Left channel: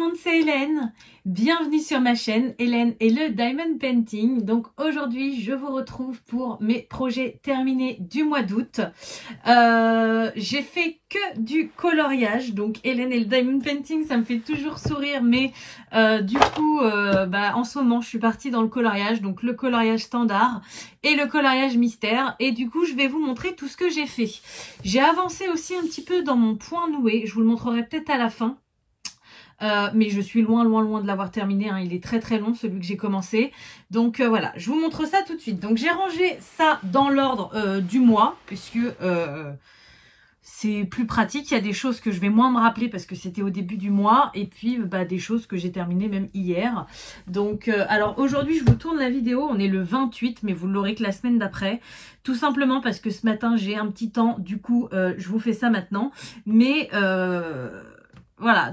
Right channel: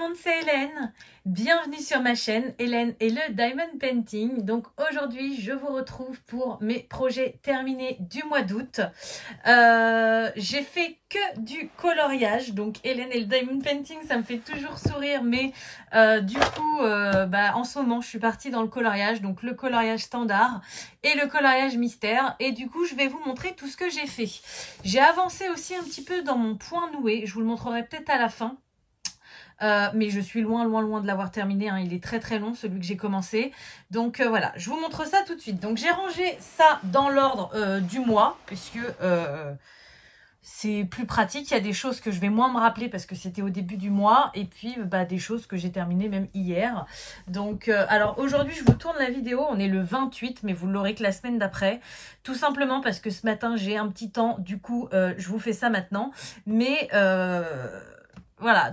monde, c'est Hélène. Bienvenue sur ma chaîne Hélène et le Diamond Painting. Donc aujourd'hui, je vous retrouve pour mes projets terminés du mois d'août. J'ai fait que du coloriage. Donc Hélène et le Diamond Painting, ça me fait toujours sourire. Mais du coup, en ce moment, je suis partie dans le coloriage. Donc le coloriage standard et le coloriage mystère. Et du coup, je vais vous montrer tout ce que j'ai fait. J'ai avancé aussi un petit peu dans mon point noué. Je vous le montrerai peut-être à la fin. Mais je suis loin de l'avoir terminé, hein. Il est très long celui que j'ai commencé. Donc voilà, je vous montre ça tout de suite. Donc j'ai rangé ça dans l'ordre du mois, puisque c'est plus pratique. Il y a des choses que je vais moins me rappeler parce que c'était au début du mois. Et puis des choses que j'ai terminées même hier. Donc alors aujourd'hui je vous tourne la vidéo, on est le 28, mais vous l'aurez que la semaine d'après. Tout simplement parce que ce matin j'ai un petit temps, du coup je vous fais ça maintenant. Mais voilà,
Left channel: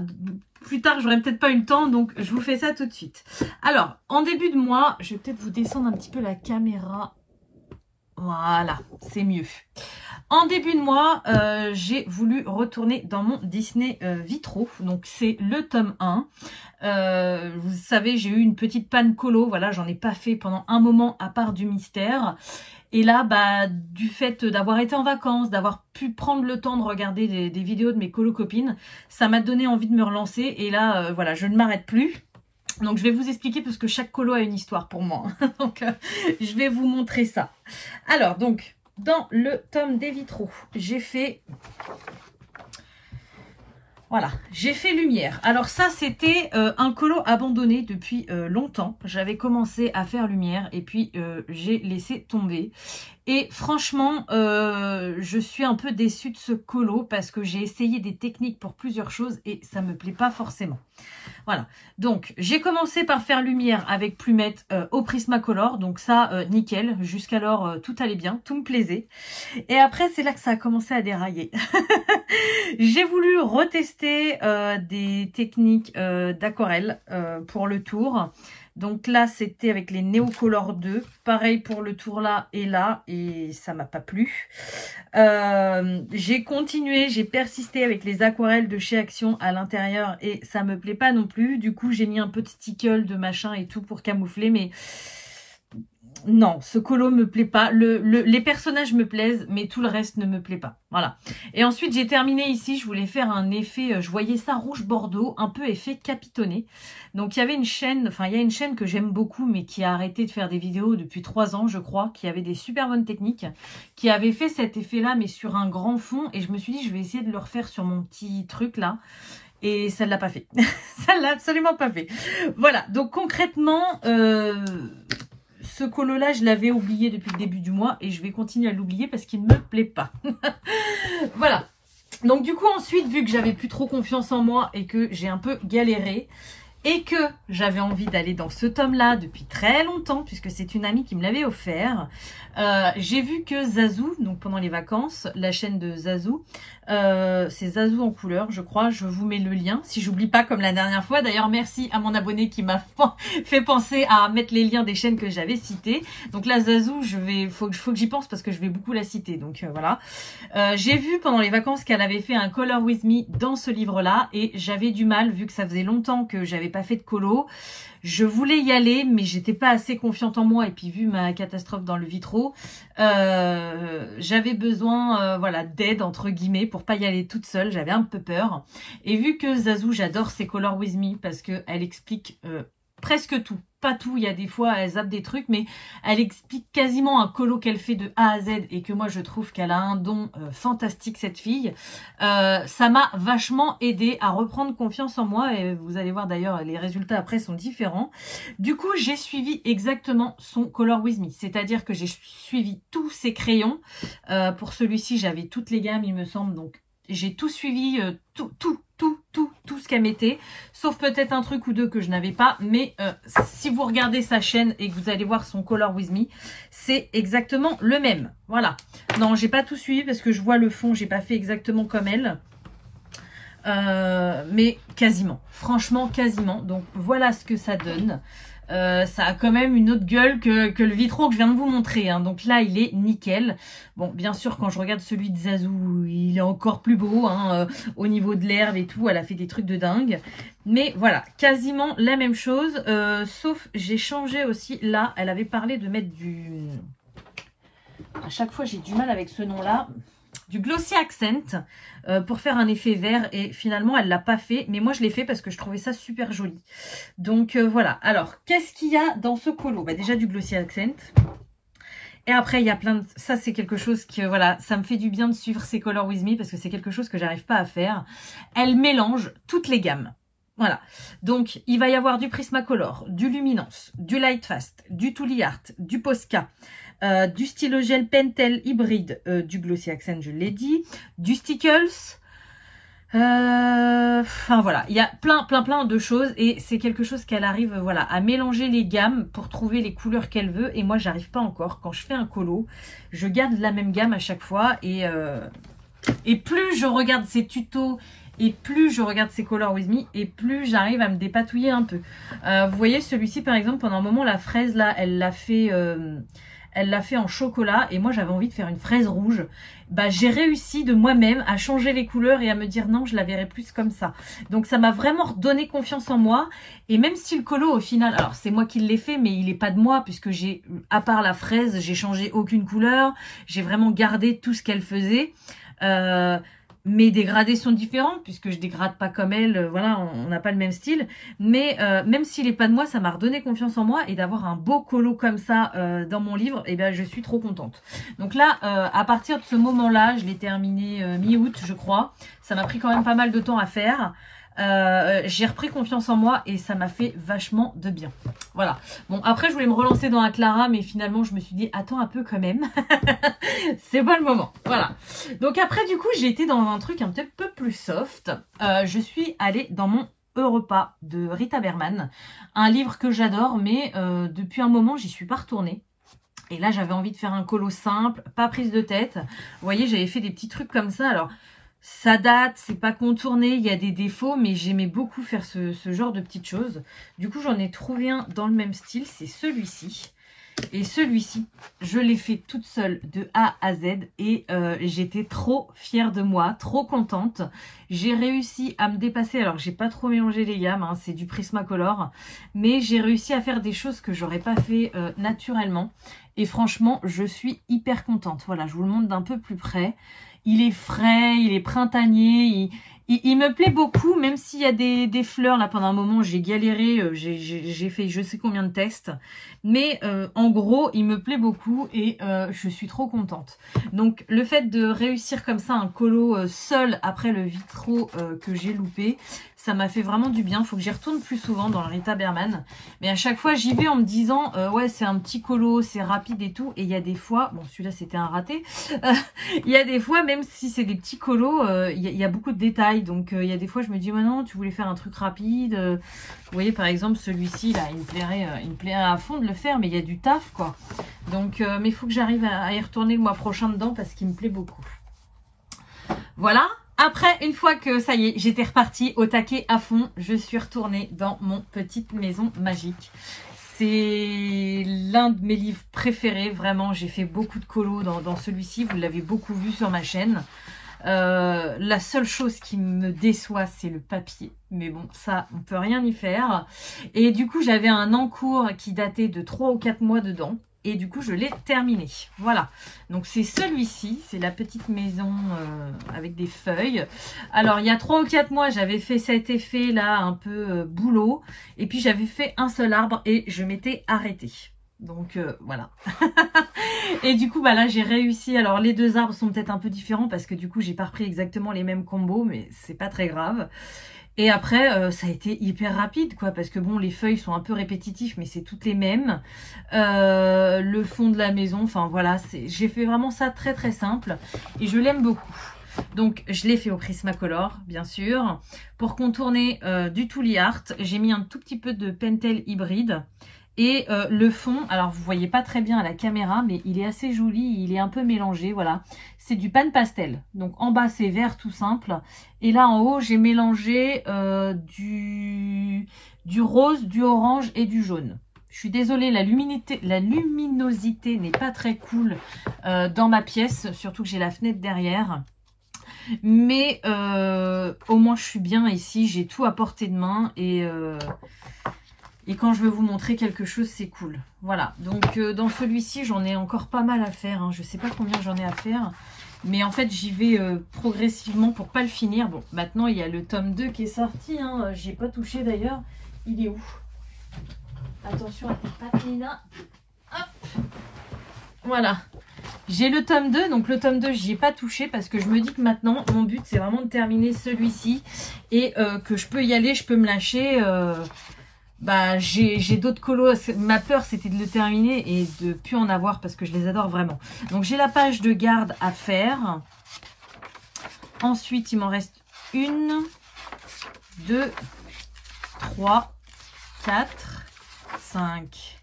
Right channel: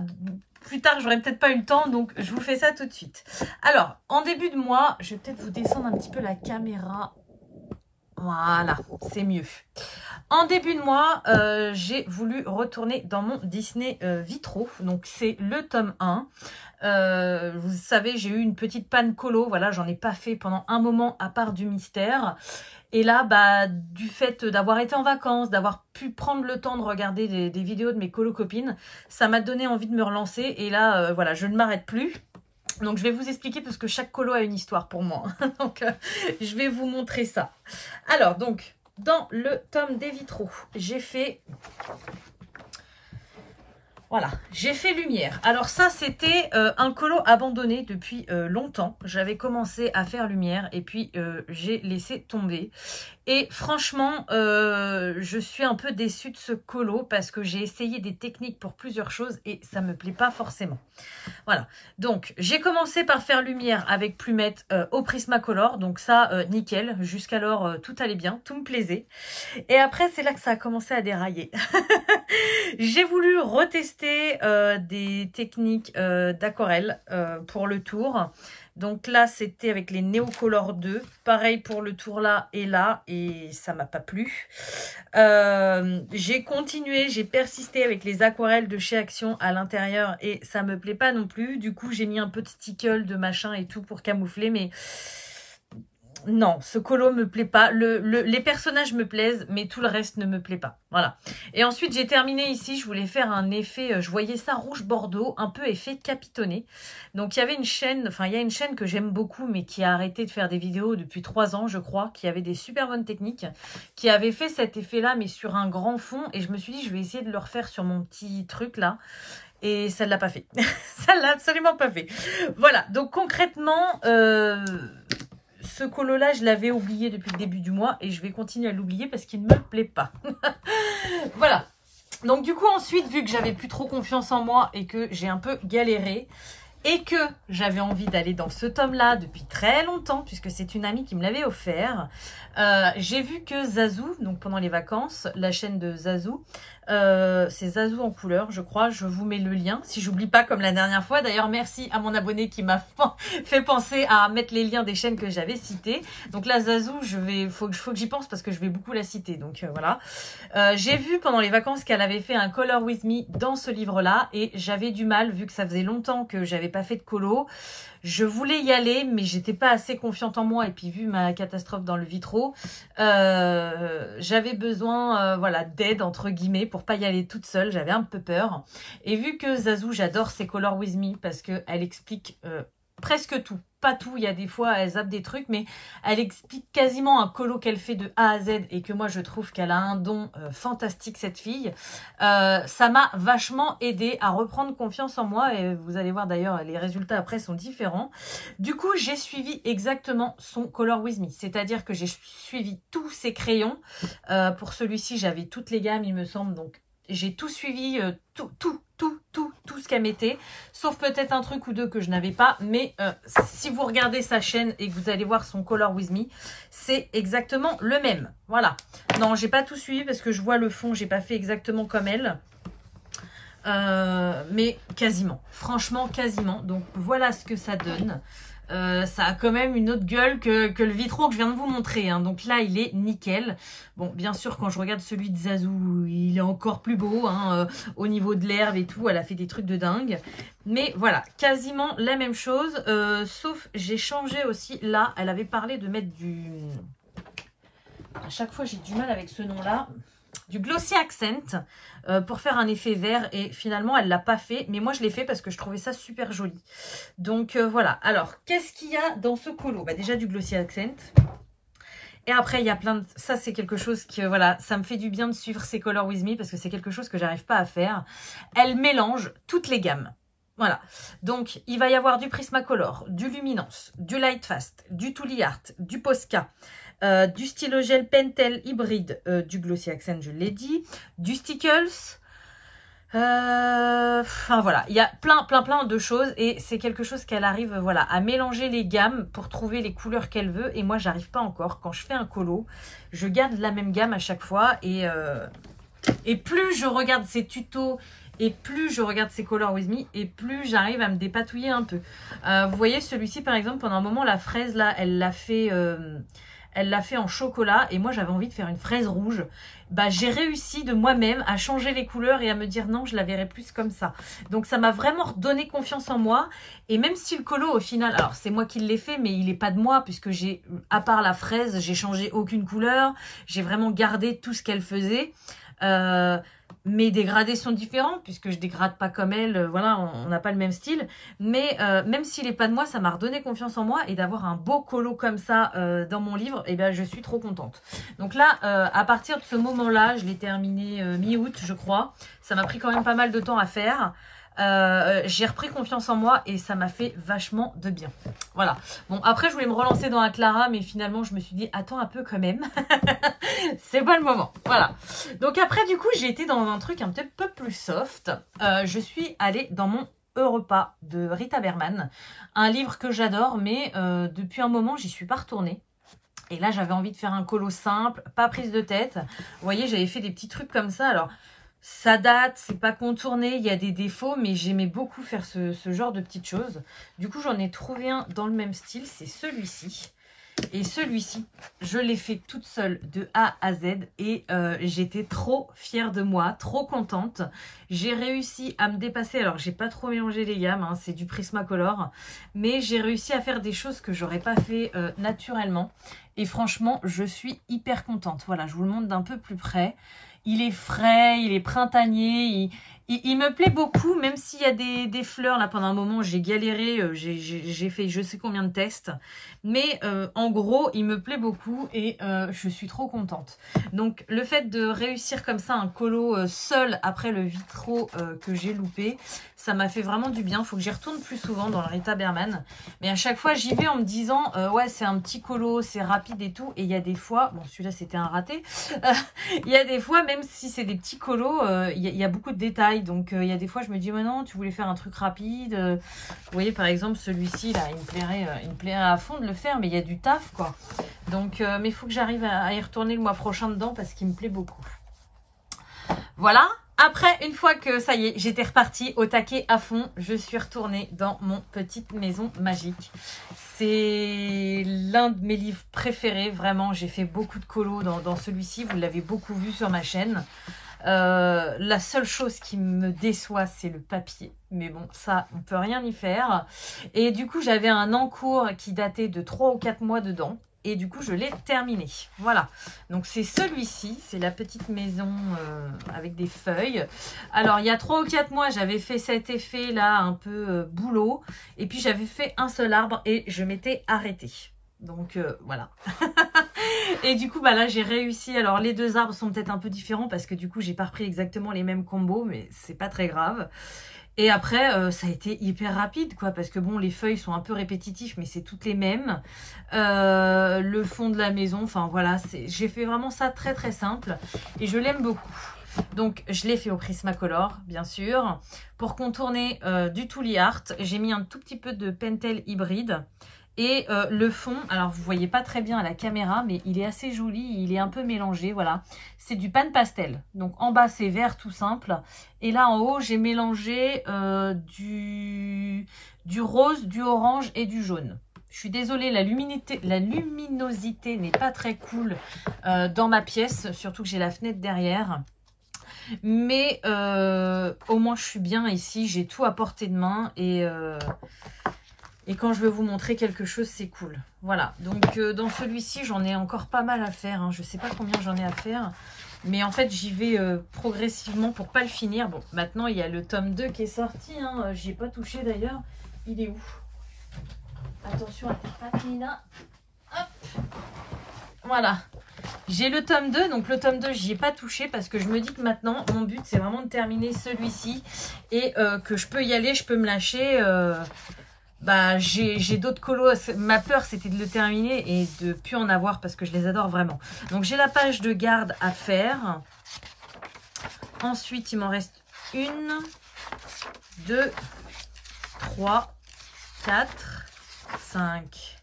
plus tard, j'aurais peut-être pas eu le temps, donc je vous fais ça tout de suite. Alors, en début de mois, je vais peut-être vous descendre un petit peu la caméra. Voilà, c'est mieux. En début de mois, j'ai voulu retourner dans mon Disney Vitro. Donc, c'est le tome 1. Vous savez, j'ai eu une petite panne colo. Voilà, j'en ai pas fait pendant un moment à part du mystère. Et là, du fait d'avoir été en vacances, d'avoir pu prendre le temps de regarder des vidéos de mes colo-copines, ça m'a donné envie de me relancer. Et là, voilà, je ne m'arrête plus. Donc, je vais vous expliquer parce que chaque colo a une histoire pour moi. Donc, je vais vous montrer ça. Alors, donc, dans le tome des vitraux, j'ai fait... Voilà, j'ai fait lumière. Alors ça, c'était un colo abandonné depuis longtemps. J'avais commencé à faire lumière et puis j'ai laissé tomber. Et franchement, je suis un peu déçue de ce colo parce que j'ai essayé des techniques pour plusieurs choses et ça me plaît pas forcément. Voilà, donc j'ai commencé par faire lumière avec Plumette au Prismacolor. Donc ça, nickel. Jusqu'alors, tout allait bien, tout me plaisait. Et après, c'est là que ça a commencé à dérailler. J'ai voulu retester des techniques d'aquarelle pour le tour. Donc là, c'était avec les Neocolor 2. Pareil pour le tour là et là. Et ça m'a pas plu. J'ai continué, j'ai persisté avec les aquarelles de chez Action à l'intérieur. Et ça me plaît pas non plus. Du coup, j'ai mis un peu de stickle, de machin et tout pour camoufler. Mais non, ce colo me plaît pas. Les personnages me plaisent, mais tout le reste ne me plaît pas. Voilà. Et ensuite, j'ai terminé ici. Je voulais faire un effet, je voyais ça rouge bordeaux, un peu effet capitonné. Donc, il y avait une chaîne, enfin, il y a une chaîne que j'aime beaucoup, mais qui a arrêté de faire des vidéos depuis 3 ans, je crois, qui avait des super bonnes techniques, qui avait fait cet effet-là, mais sur un grand fond. Et je me suis dit, je vais essayer de le refaire sur mon petit truc là. Et ça ne l'a pas fait. Ça ne l'a absolument pas fait. Voilà. Donc, concrètement... ce colo-là, je l'avais oublié depuis le début du mois et je vais continuer à l'oublier parce qu'il ne me plaît pas. Voilà. Donc du coup, ensuite, vu que j'avais plus trop confiance en moi et que j'ai un peu galéré et que j'avais envie d'aller dans ce tome-là depuis très longtemps, puisque c'est une amie qui me l'avait offert, j'ai vu que Zazou, donc pendant les vacances, la chaîne de Zazou, c'est Zazou en couleur, je crois. Je vous mets le lien, si j'oublie pas comme la dernière fois. D'ailleurs, merci à mon abonné qui m'a fait penser à mettre les liens des chaînes que j'avais citées. Donc là, Zazou, faut que j'y pense parce que je vais beaucoup la citer. Donc voilà. J'ai vu pendant les vacances qu'elle avait fait un Color With Me dans ce livre-là. Et j'avais du mal, vu que ça faisait longtemps que j'avais pas fait de colo. Je voulais y aller, mais j'étais pas assez confiante en moi. Et puis, vu ma catastrophe dans le vitro, j'avais besoin voilà, d'aide, entre guillemets, pour pas y aller toute seule. J'avais un peu peur. Et vu que Zazou, j'adore ses Color With Me parce qu'elle explique presque tout. Pas tout, il y a des fois, elle zappe des trucs, mais elle explique quasiment un colo qu'elle fait de A à Z et que moi, je trouve qu'elle a un don fantastique, cette fille. Ça m'a vachement aidé à reprendre confiance en moi et vous allez voir d'ailleurs, les résultats après sont différents. Du coup, j'ai suivi exactement son Color With Me, c'est-à-dire que j'ai suivi tous ses crayons. Pour celui-ci, j'avais toutes les gammes, il me semble, donc j'ai tout suivi, tout ce qu'elle mettait, sauf peut-être un truc ou deux que je n'avais pas, mais si vous regardez sa chaîne et que vous allez voir son Color With Me, c'est exactement le même. Voilà. Non, j'ai pas tout suivi parce que je vois le fond, j'ai pas fait exactement comme elle. Mais quasiment, franchement quasiment. Donc voilà ce que ça donne. ça a quand même une autre gueule que le Vitro que je viens de vous montrer, hein. Donc là, il est nickel. Bon, bien sûr, quand je regarde celui de Zazou, il est encore plus beau, hein, au niveau de l'herbe et tout. Elle a fait des trucs de dingue. Mais voilà, quasiment la même chose. Sauf, j'ai changé aussi. Là, elle avait parlé de mettre du... À chaque fois, j'ai du mal avec ce nom-là. Du Glossy Accent pour faire un effet vert. Et finalement, elle l'a pas fait. Mais moi, je l'ai fait parce que je trouvais ça super joli. Donc, voilà. Alors, qu'est-ce qu'il y a dans ce colo? Bah, déjà, du Glossy Accent. Et après, il y a plein de... Ça, c'est quelque chose que, voilà, ça me fait du bien de suivre ces Color With Me parce que c'est quelque chose que j'arrive pas à faire. Elle mélange toutes les gammes. Voilà. Donc, il va y avoir du Prismacolor, du Luminance, du Lightfast, du Tooly Art, du Posca, du Stylogel Pentel hybride, du Glossy Accent, je l'ai dit, du Stickles. Enfin voilà, il y a plein de choses et c'est quelque chose qu'elle arrive voilà à mélanger les gammes pour trouver les couleurs qu'elle veut et moi j'arrive pas encore. Quand je fais un colo, je garde la même gamme à chaque fois et plus je regarde ses tutos et plus je regarde ses Color With Me et plus j'arrive à me dépatouiller un peu. Vous voyez celui-ci par exemple, pendant un moment la fraise là, elle l'a fait en chocolat et moi j'avais envie de faire une fraise rouge. Bah j'ai réussi de moi-même à changer les couleurs et à me dire non, je la verrai plus comme ça. Donc ça m'a vraiment redonné confiance en moi. Et même si le colo au final, alors c'est moi qui l'ai fait, mais il n'est pas de moi puisque j'ai, à part la fraise, j'ai changé aucune couleur. J'ai vraiment gardé tout ce qu'elle faisait. Mes dégradés sont différents puisque je dégrade pas comme elle, voilà, on n'a pas le même style. Mais même s'il n'est pas de moi, ça m'a redonné confiance en moi et d'avoir un beau colo comme ça dans mon livre, et ben je suis trop contente. Donc là, à partir de ce moment-là, je l'ai terminé mi-août, je crois. Ça m'a pris quand même pas mal de temps à faire. J'ai repris confiance en moi et ça m'a fait vachement de bien. Voilà. Bon, après, je voulais me relancer dans la Clara, mais finalement, je me suis dit, attends un peu quand même. C'est pas le moment. Voilà. Donc après, du coup, j'ai été dans un truc un petit peu plus soft. Je suis allée dans mon Europa de Rita Berman. Un livre que j'adore, mais depuis un moment, j'y suis pas retournée. Et là, j'avais envie de faire un colo simple, pas prise de tête. Vous voyez, j'avais fait des petits trucs comme ça. Alors, ça date, c'est pas contourné, il y a des défauts, mais j'aimais beaucoup faire ce genre de petites choses. Du coup, j'en ai trouvé un dans le même style, c'est celui-ci. Et celui-ci, je l'ai fait toute seule de A à Z et j'étais trop fière de moi, trop contente. J'ai réussi à me dépasser, alors j'ai pas trop mélangé les gammes, hein, c'est du Prismacolor, mais j'ai réussi à faire des choses que j'aurais pas fait naturellement. Et franchement, je suis hyper contente. Voilà, je vous le montre d'un peu plus près. Il est frais, il est printanier, il me plaît beaucoup, même s'il y a des fleurs. Là, pendant un moment, j'ai galéré, j'ai fait je sais combien de tests. Mais en gros, il me plaît beaucoup et je suis trop contente. Donc, le fait de réussir comme ça un colo seul après le Vitro que j'ai loupé, ça m'a fait vraiment du bien. Il faut que j'y retourne plus souvent dans le Rita Berman. Mais à chaque fois, j'y vais en me disant, ouais, c'est un petit colo, c'est rapide et tout. Et il y a des fois, bon, celui-là, c'était un raté. Il y a des fois, même si c'est des petits colos, il y a beaucoup de détails. Donc, il y a des fois, je me dis, mais non, tu voulais faire un truc rapide. Vous voyez, par exemple, celui-ci, là, il me plairait à fond de le faire, mais il y a du taf, quoi. Donc, mais il faut que j'arrive à y retourner le mois prochain dedans parce qu'il me plaît beaucoup. Voilà. Après, une fois que ça y est, j'étais repartie au taquet à fond, je suis retournée dans mon petite maison magique. C'est l'un de mes livres préférés, vraiment. J'ai fait beaucoup de colos dans celui-ci, vous l'avez beaucoup vu sur ma chaîne. La seule chose qui me déçoit, c'est le papier. Mais bon, ça, on peut rien y faire. Et du coup, j'avais un encours qui datait de 3 ou 4 mois dedans. Et du coup, je l'ai terminé. Voilà. Donc, c'est celui-ci. C'est la petite maison avec des feuilles. Alors, il y a 3 ou 4 mois, j'avais fait cet effet-là, un peu boulot. Et puis, j'avais fait un seul arbre et je m'étais arrêtée. Donc, voilà. Et du coup, bah là, j'ai réussi. Alors, les deux arbres sont peut-être un peu différents parce que du coup, j'ai pas repris exactement les mêmes combos, mais c'est pas très grave. Et après, ça a été hyper rapide, quoi, parce que bon, les feuilles sont un peu répétitifs, mais c'est toutes les mêmes. Le fond de la maison, enfin voilà, j'ai fait vraiment ça très très simple et je l'aime beaucoup. Donc, je l'ai fait au Prismacolor, bien sûr. Pour contourner du Tooly Art, j'ai mis un tout petit peu de Pentel hybride. Et le fond, alors vous voyez pas très bien à la caméra, mais il est assez joli, il est un peu mélangé, voilà. C'est du pan pastel. Donc en bas c'est vert tout simple. Et là en haut j'ai mélangé du rose, du orange et du jaune. Je suis désolée, la luminosité n'est pas très cool dans ma pièce, surtout que j'ai la fenêtre derrière. Mais au moins je suis bien ici, j'ai tout à portée de main et quand je vais vous montrer quelque chose, c'est cool. Voilà, donc dans celui-ci, j'en ai encore pas mal à faire. Hein. Je ne sais pas combien j'en ai à faire. Mais en fait, j'y vais progressivement pour pas le finir. Bon, maintenant, il y a le tome 2 qui est sorti. Hein. J'y ai pas touché d'ailleurs. Il est où? Attention à tes pattes, Nina. Hop. Voilà. J'ai le tome 2. Donc le tome 2, j'y ai pas touché parce que je me dis que maintenant, mon but, c'est vraiment de terminer celui-ci. Et que je peux y aller, je peux me lâcher... Bah, j'ai d'autres colos. Ma peur, c'était de le terminer et de plus en avoir parce que je les adore vraiment. Donc, j'ai la page de garde à faire. Ensuite, il m'en reste 1, 2, 3, 4, 5,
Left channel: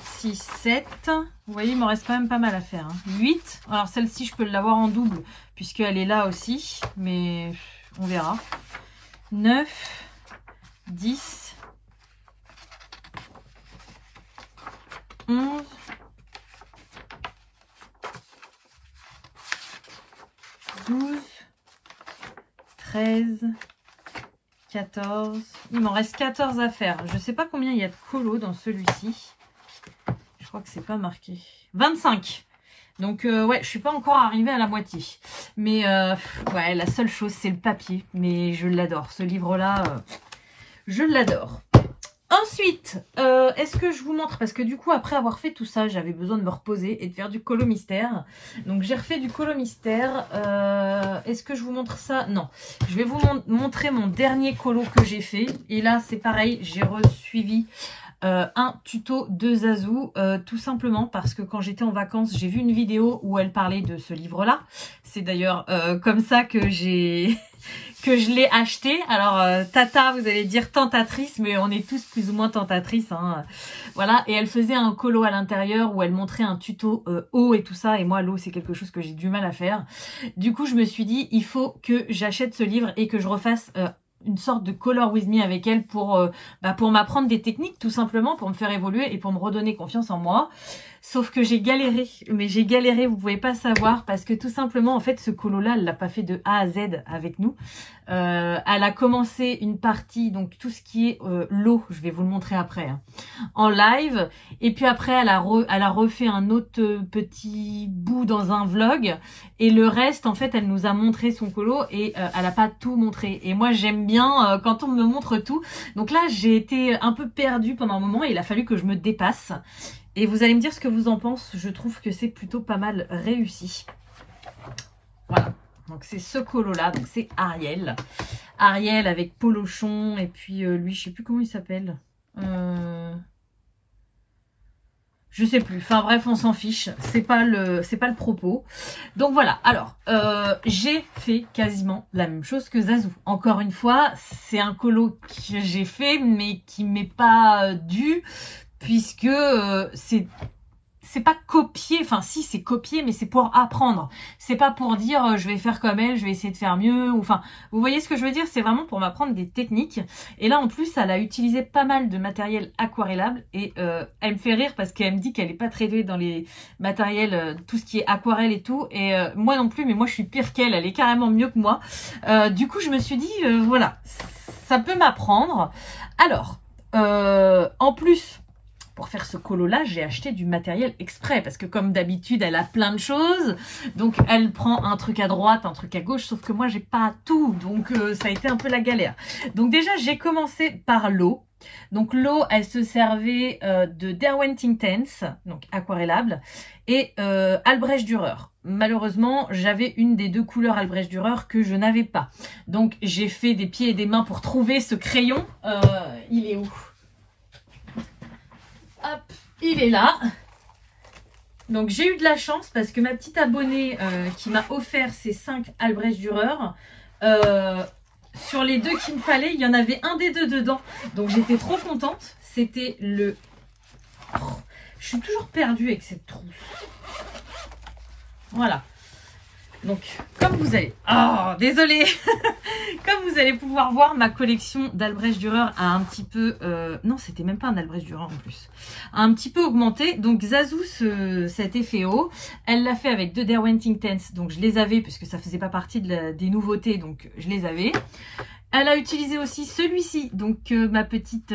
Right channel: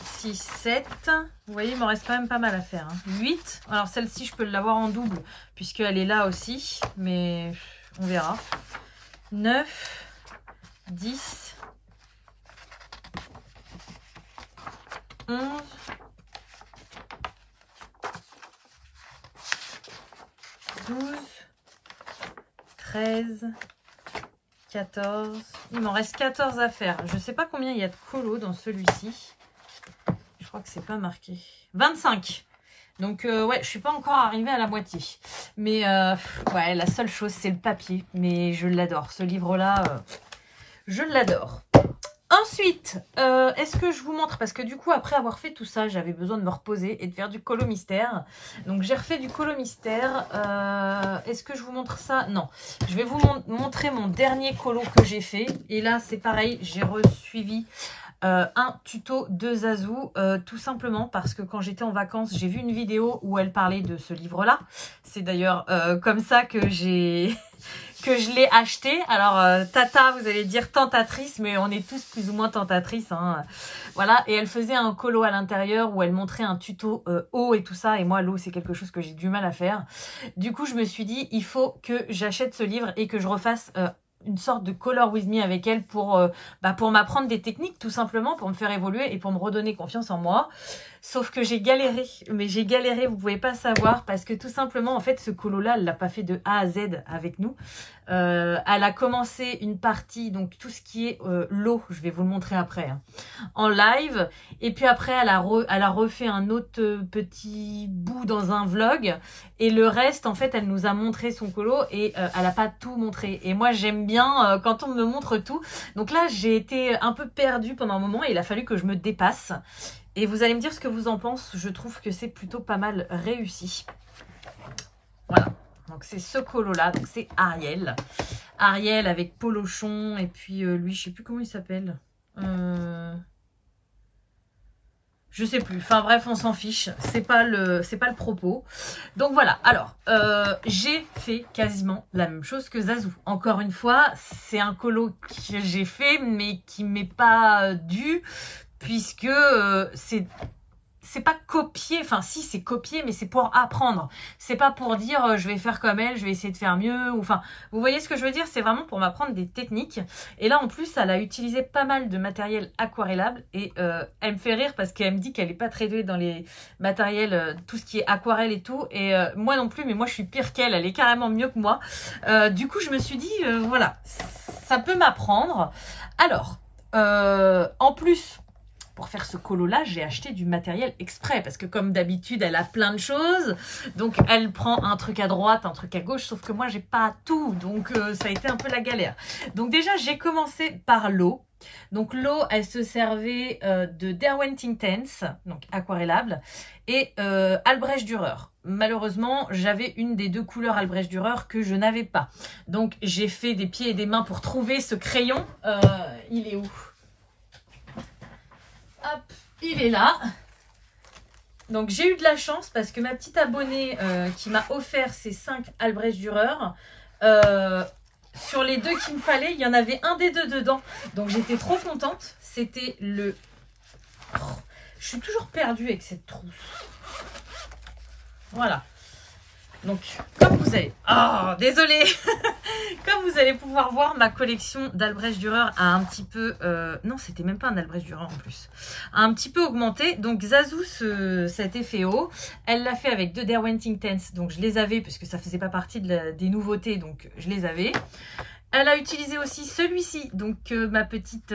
6, 7. Vous voyez, il m'en reste quand même pas mal à faire. Hein. 8. Alors, celle-ci, je peux l'avoir en double puisqu'elle est là aussi. Mais on verra. 9. 10, 11, 12, 13, 14. Il m'en reste 14 à faire. Je ne sais pas combien il y a de colos dans celui-ci. Je crois que c'est pas marqué. 25. Donc, ouais, je suis pas encore arrivée à la moitié. Mais, ouais, la seule chose, c'est le papier. Mais je l'adore. Ce livre-là... je l'adore. Ensuite, est-ce que je vous montre? Parce que du coup, après avoir fait tout ça, j'avais besoin de me reposer et de faire du colo mystère. Donc, j'ai refait du colo mystère. Est-ce que je vous montre ça? Non. Je vais vous montrer mon dernier colo que j'ai fait. Et là, c'est pareil, j'ai resuivi un tuto de Zazou. Tout simplement parce que quand j'étais en vacances, j'ai vu une vidéo où elle parlait de ce livre-là. C'est d'ailleurs comme ça que j'ai... que je l'ai acheté. Alors, Tata, vous allez dire tentatrice, mais on est tous plus ou moins tentatrices. Hein. Voilà, et elle faisait un colo à l'intérieur où elle montrait un tuto eau et tout ça. Et moi, l'eau, c'est quelque chose que j'ai du mal à faire. Du coup, je me suis dit, il faut que j'achète ce livre et que je refasse... une sorte de color with me avec elle pour m'apprendre des techniques, tout simplement, pour me faire évoluer et pour me redonner confiance en moi. Sauf que j'ai galéré, mais j'ai galéré, vous pouvez pas savoir, parce que tout simplement, en fait, ce colo-là, elle l'a pas fait de A à Z avec nous. Elle a commencé une partie, donc tout ce qui est l'eau, je vais vous le montrer après, hein, en live. Et puis après, elle a refait un autre petit bout dans un vlog. Et le reste, en fait, elle nous a montré son colo et elle a pas tout montré. Et moi, j'aime bien quand on me montre tout. Donc là, j'ai été un peu perdue pendant un moment et il a fallu que je me dépasse. Et vous allez me dire ce que vous en pensez. Je trouve que c'est plutôt pas mal réussi. Voilà. Donc c'est ce colo-là. Donc c'est Ariel. Ariel avec Polochon. Et puis lui, je sais plus comment il s'appelle. Je sais plus. Enfin bref, on s'en fiche. C'est pas le propos. Donc voilà. Alors, j'ai fait quasiment la même chose que Zazou. Encore une fois, c'est un colo que j'ai fait, mais qui m'est pas dû. Puisque c'est pas copier, enfin si c'est copier, mais c'est pour apprendre. C'est pas pour dire je vais faire comme elle, je vais essayer de faire mieux. Ou, enfin, vous voyez ce que je veux dire? C'est vraiment pour m'apprendre des techniques. Et là en plus, elle a utilisé pas mal de matériel aquarellable. Et elle me fait rire parce qu'elle me dit qu'elle est pas très douée dans les matériels, tout ce qui est aquarelle et tout. Et moi non plus, mais moi je suis pire qu'elle, elle est carrément mieux que moi. Du coup je me suis dit, voilà, ça peut m'apprendre. Alors, en plus... pour faire ce colo-là, j'ai acheté du matériel exprès parce que comme d'habitude, elle a plein de choses. Donc, elle prend un truc à droite, un truc à gauche, sauf que moi, j'ai pas tout. Donc, ça a été un peu la galère. Donc, déjà, j'ai commencé par l'eau. Donc, l'eau, elle se servait de Derwent Intense, donc aquarellable, et Albrecht Dürer. Malheureusement, j'avais une des deux couleurs Albrecht Dürer que je n'avais pas. Donc, j'ai fait des pieds et des mains pour trouver ce crayon. Il est où ? Hop, il est là. Donc j'ai eu de la chance parce que ma petite abonnée qui m'a offert ces 5 Albrecht Dürer, sur les deux qu'il me fallait, il y en avait un des deux dedans. Donc j'étais trop contente. C'était le... Oh, je suis toujours perdue avec cette trousse. Voilà. Donc, comme vous allez... Oh, désolée. Comme vous allez pouvoir voir, ma collection d'Albrecht Dürer a un petit peu... non, c'était même pas un Albrecht Dürer en plus. A un petit peu augmenté. Donc, Zazu, cet effet haut, elle l'a fait avec 2 Derwent Intense. Donc, je les avais puisque ça faisait pas partie des nouveautés. Donc, je les avais. Elle a utilisé aussi celui-ci. Donc, ma petite...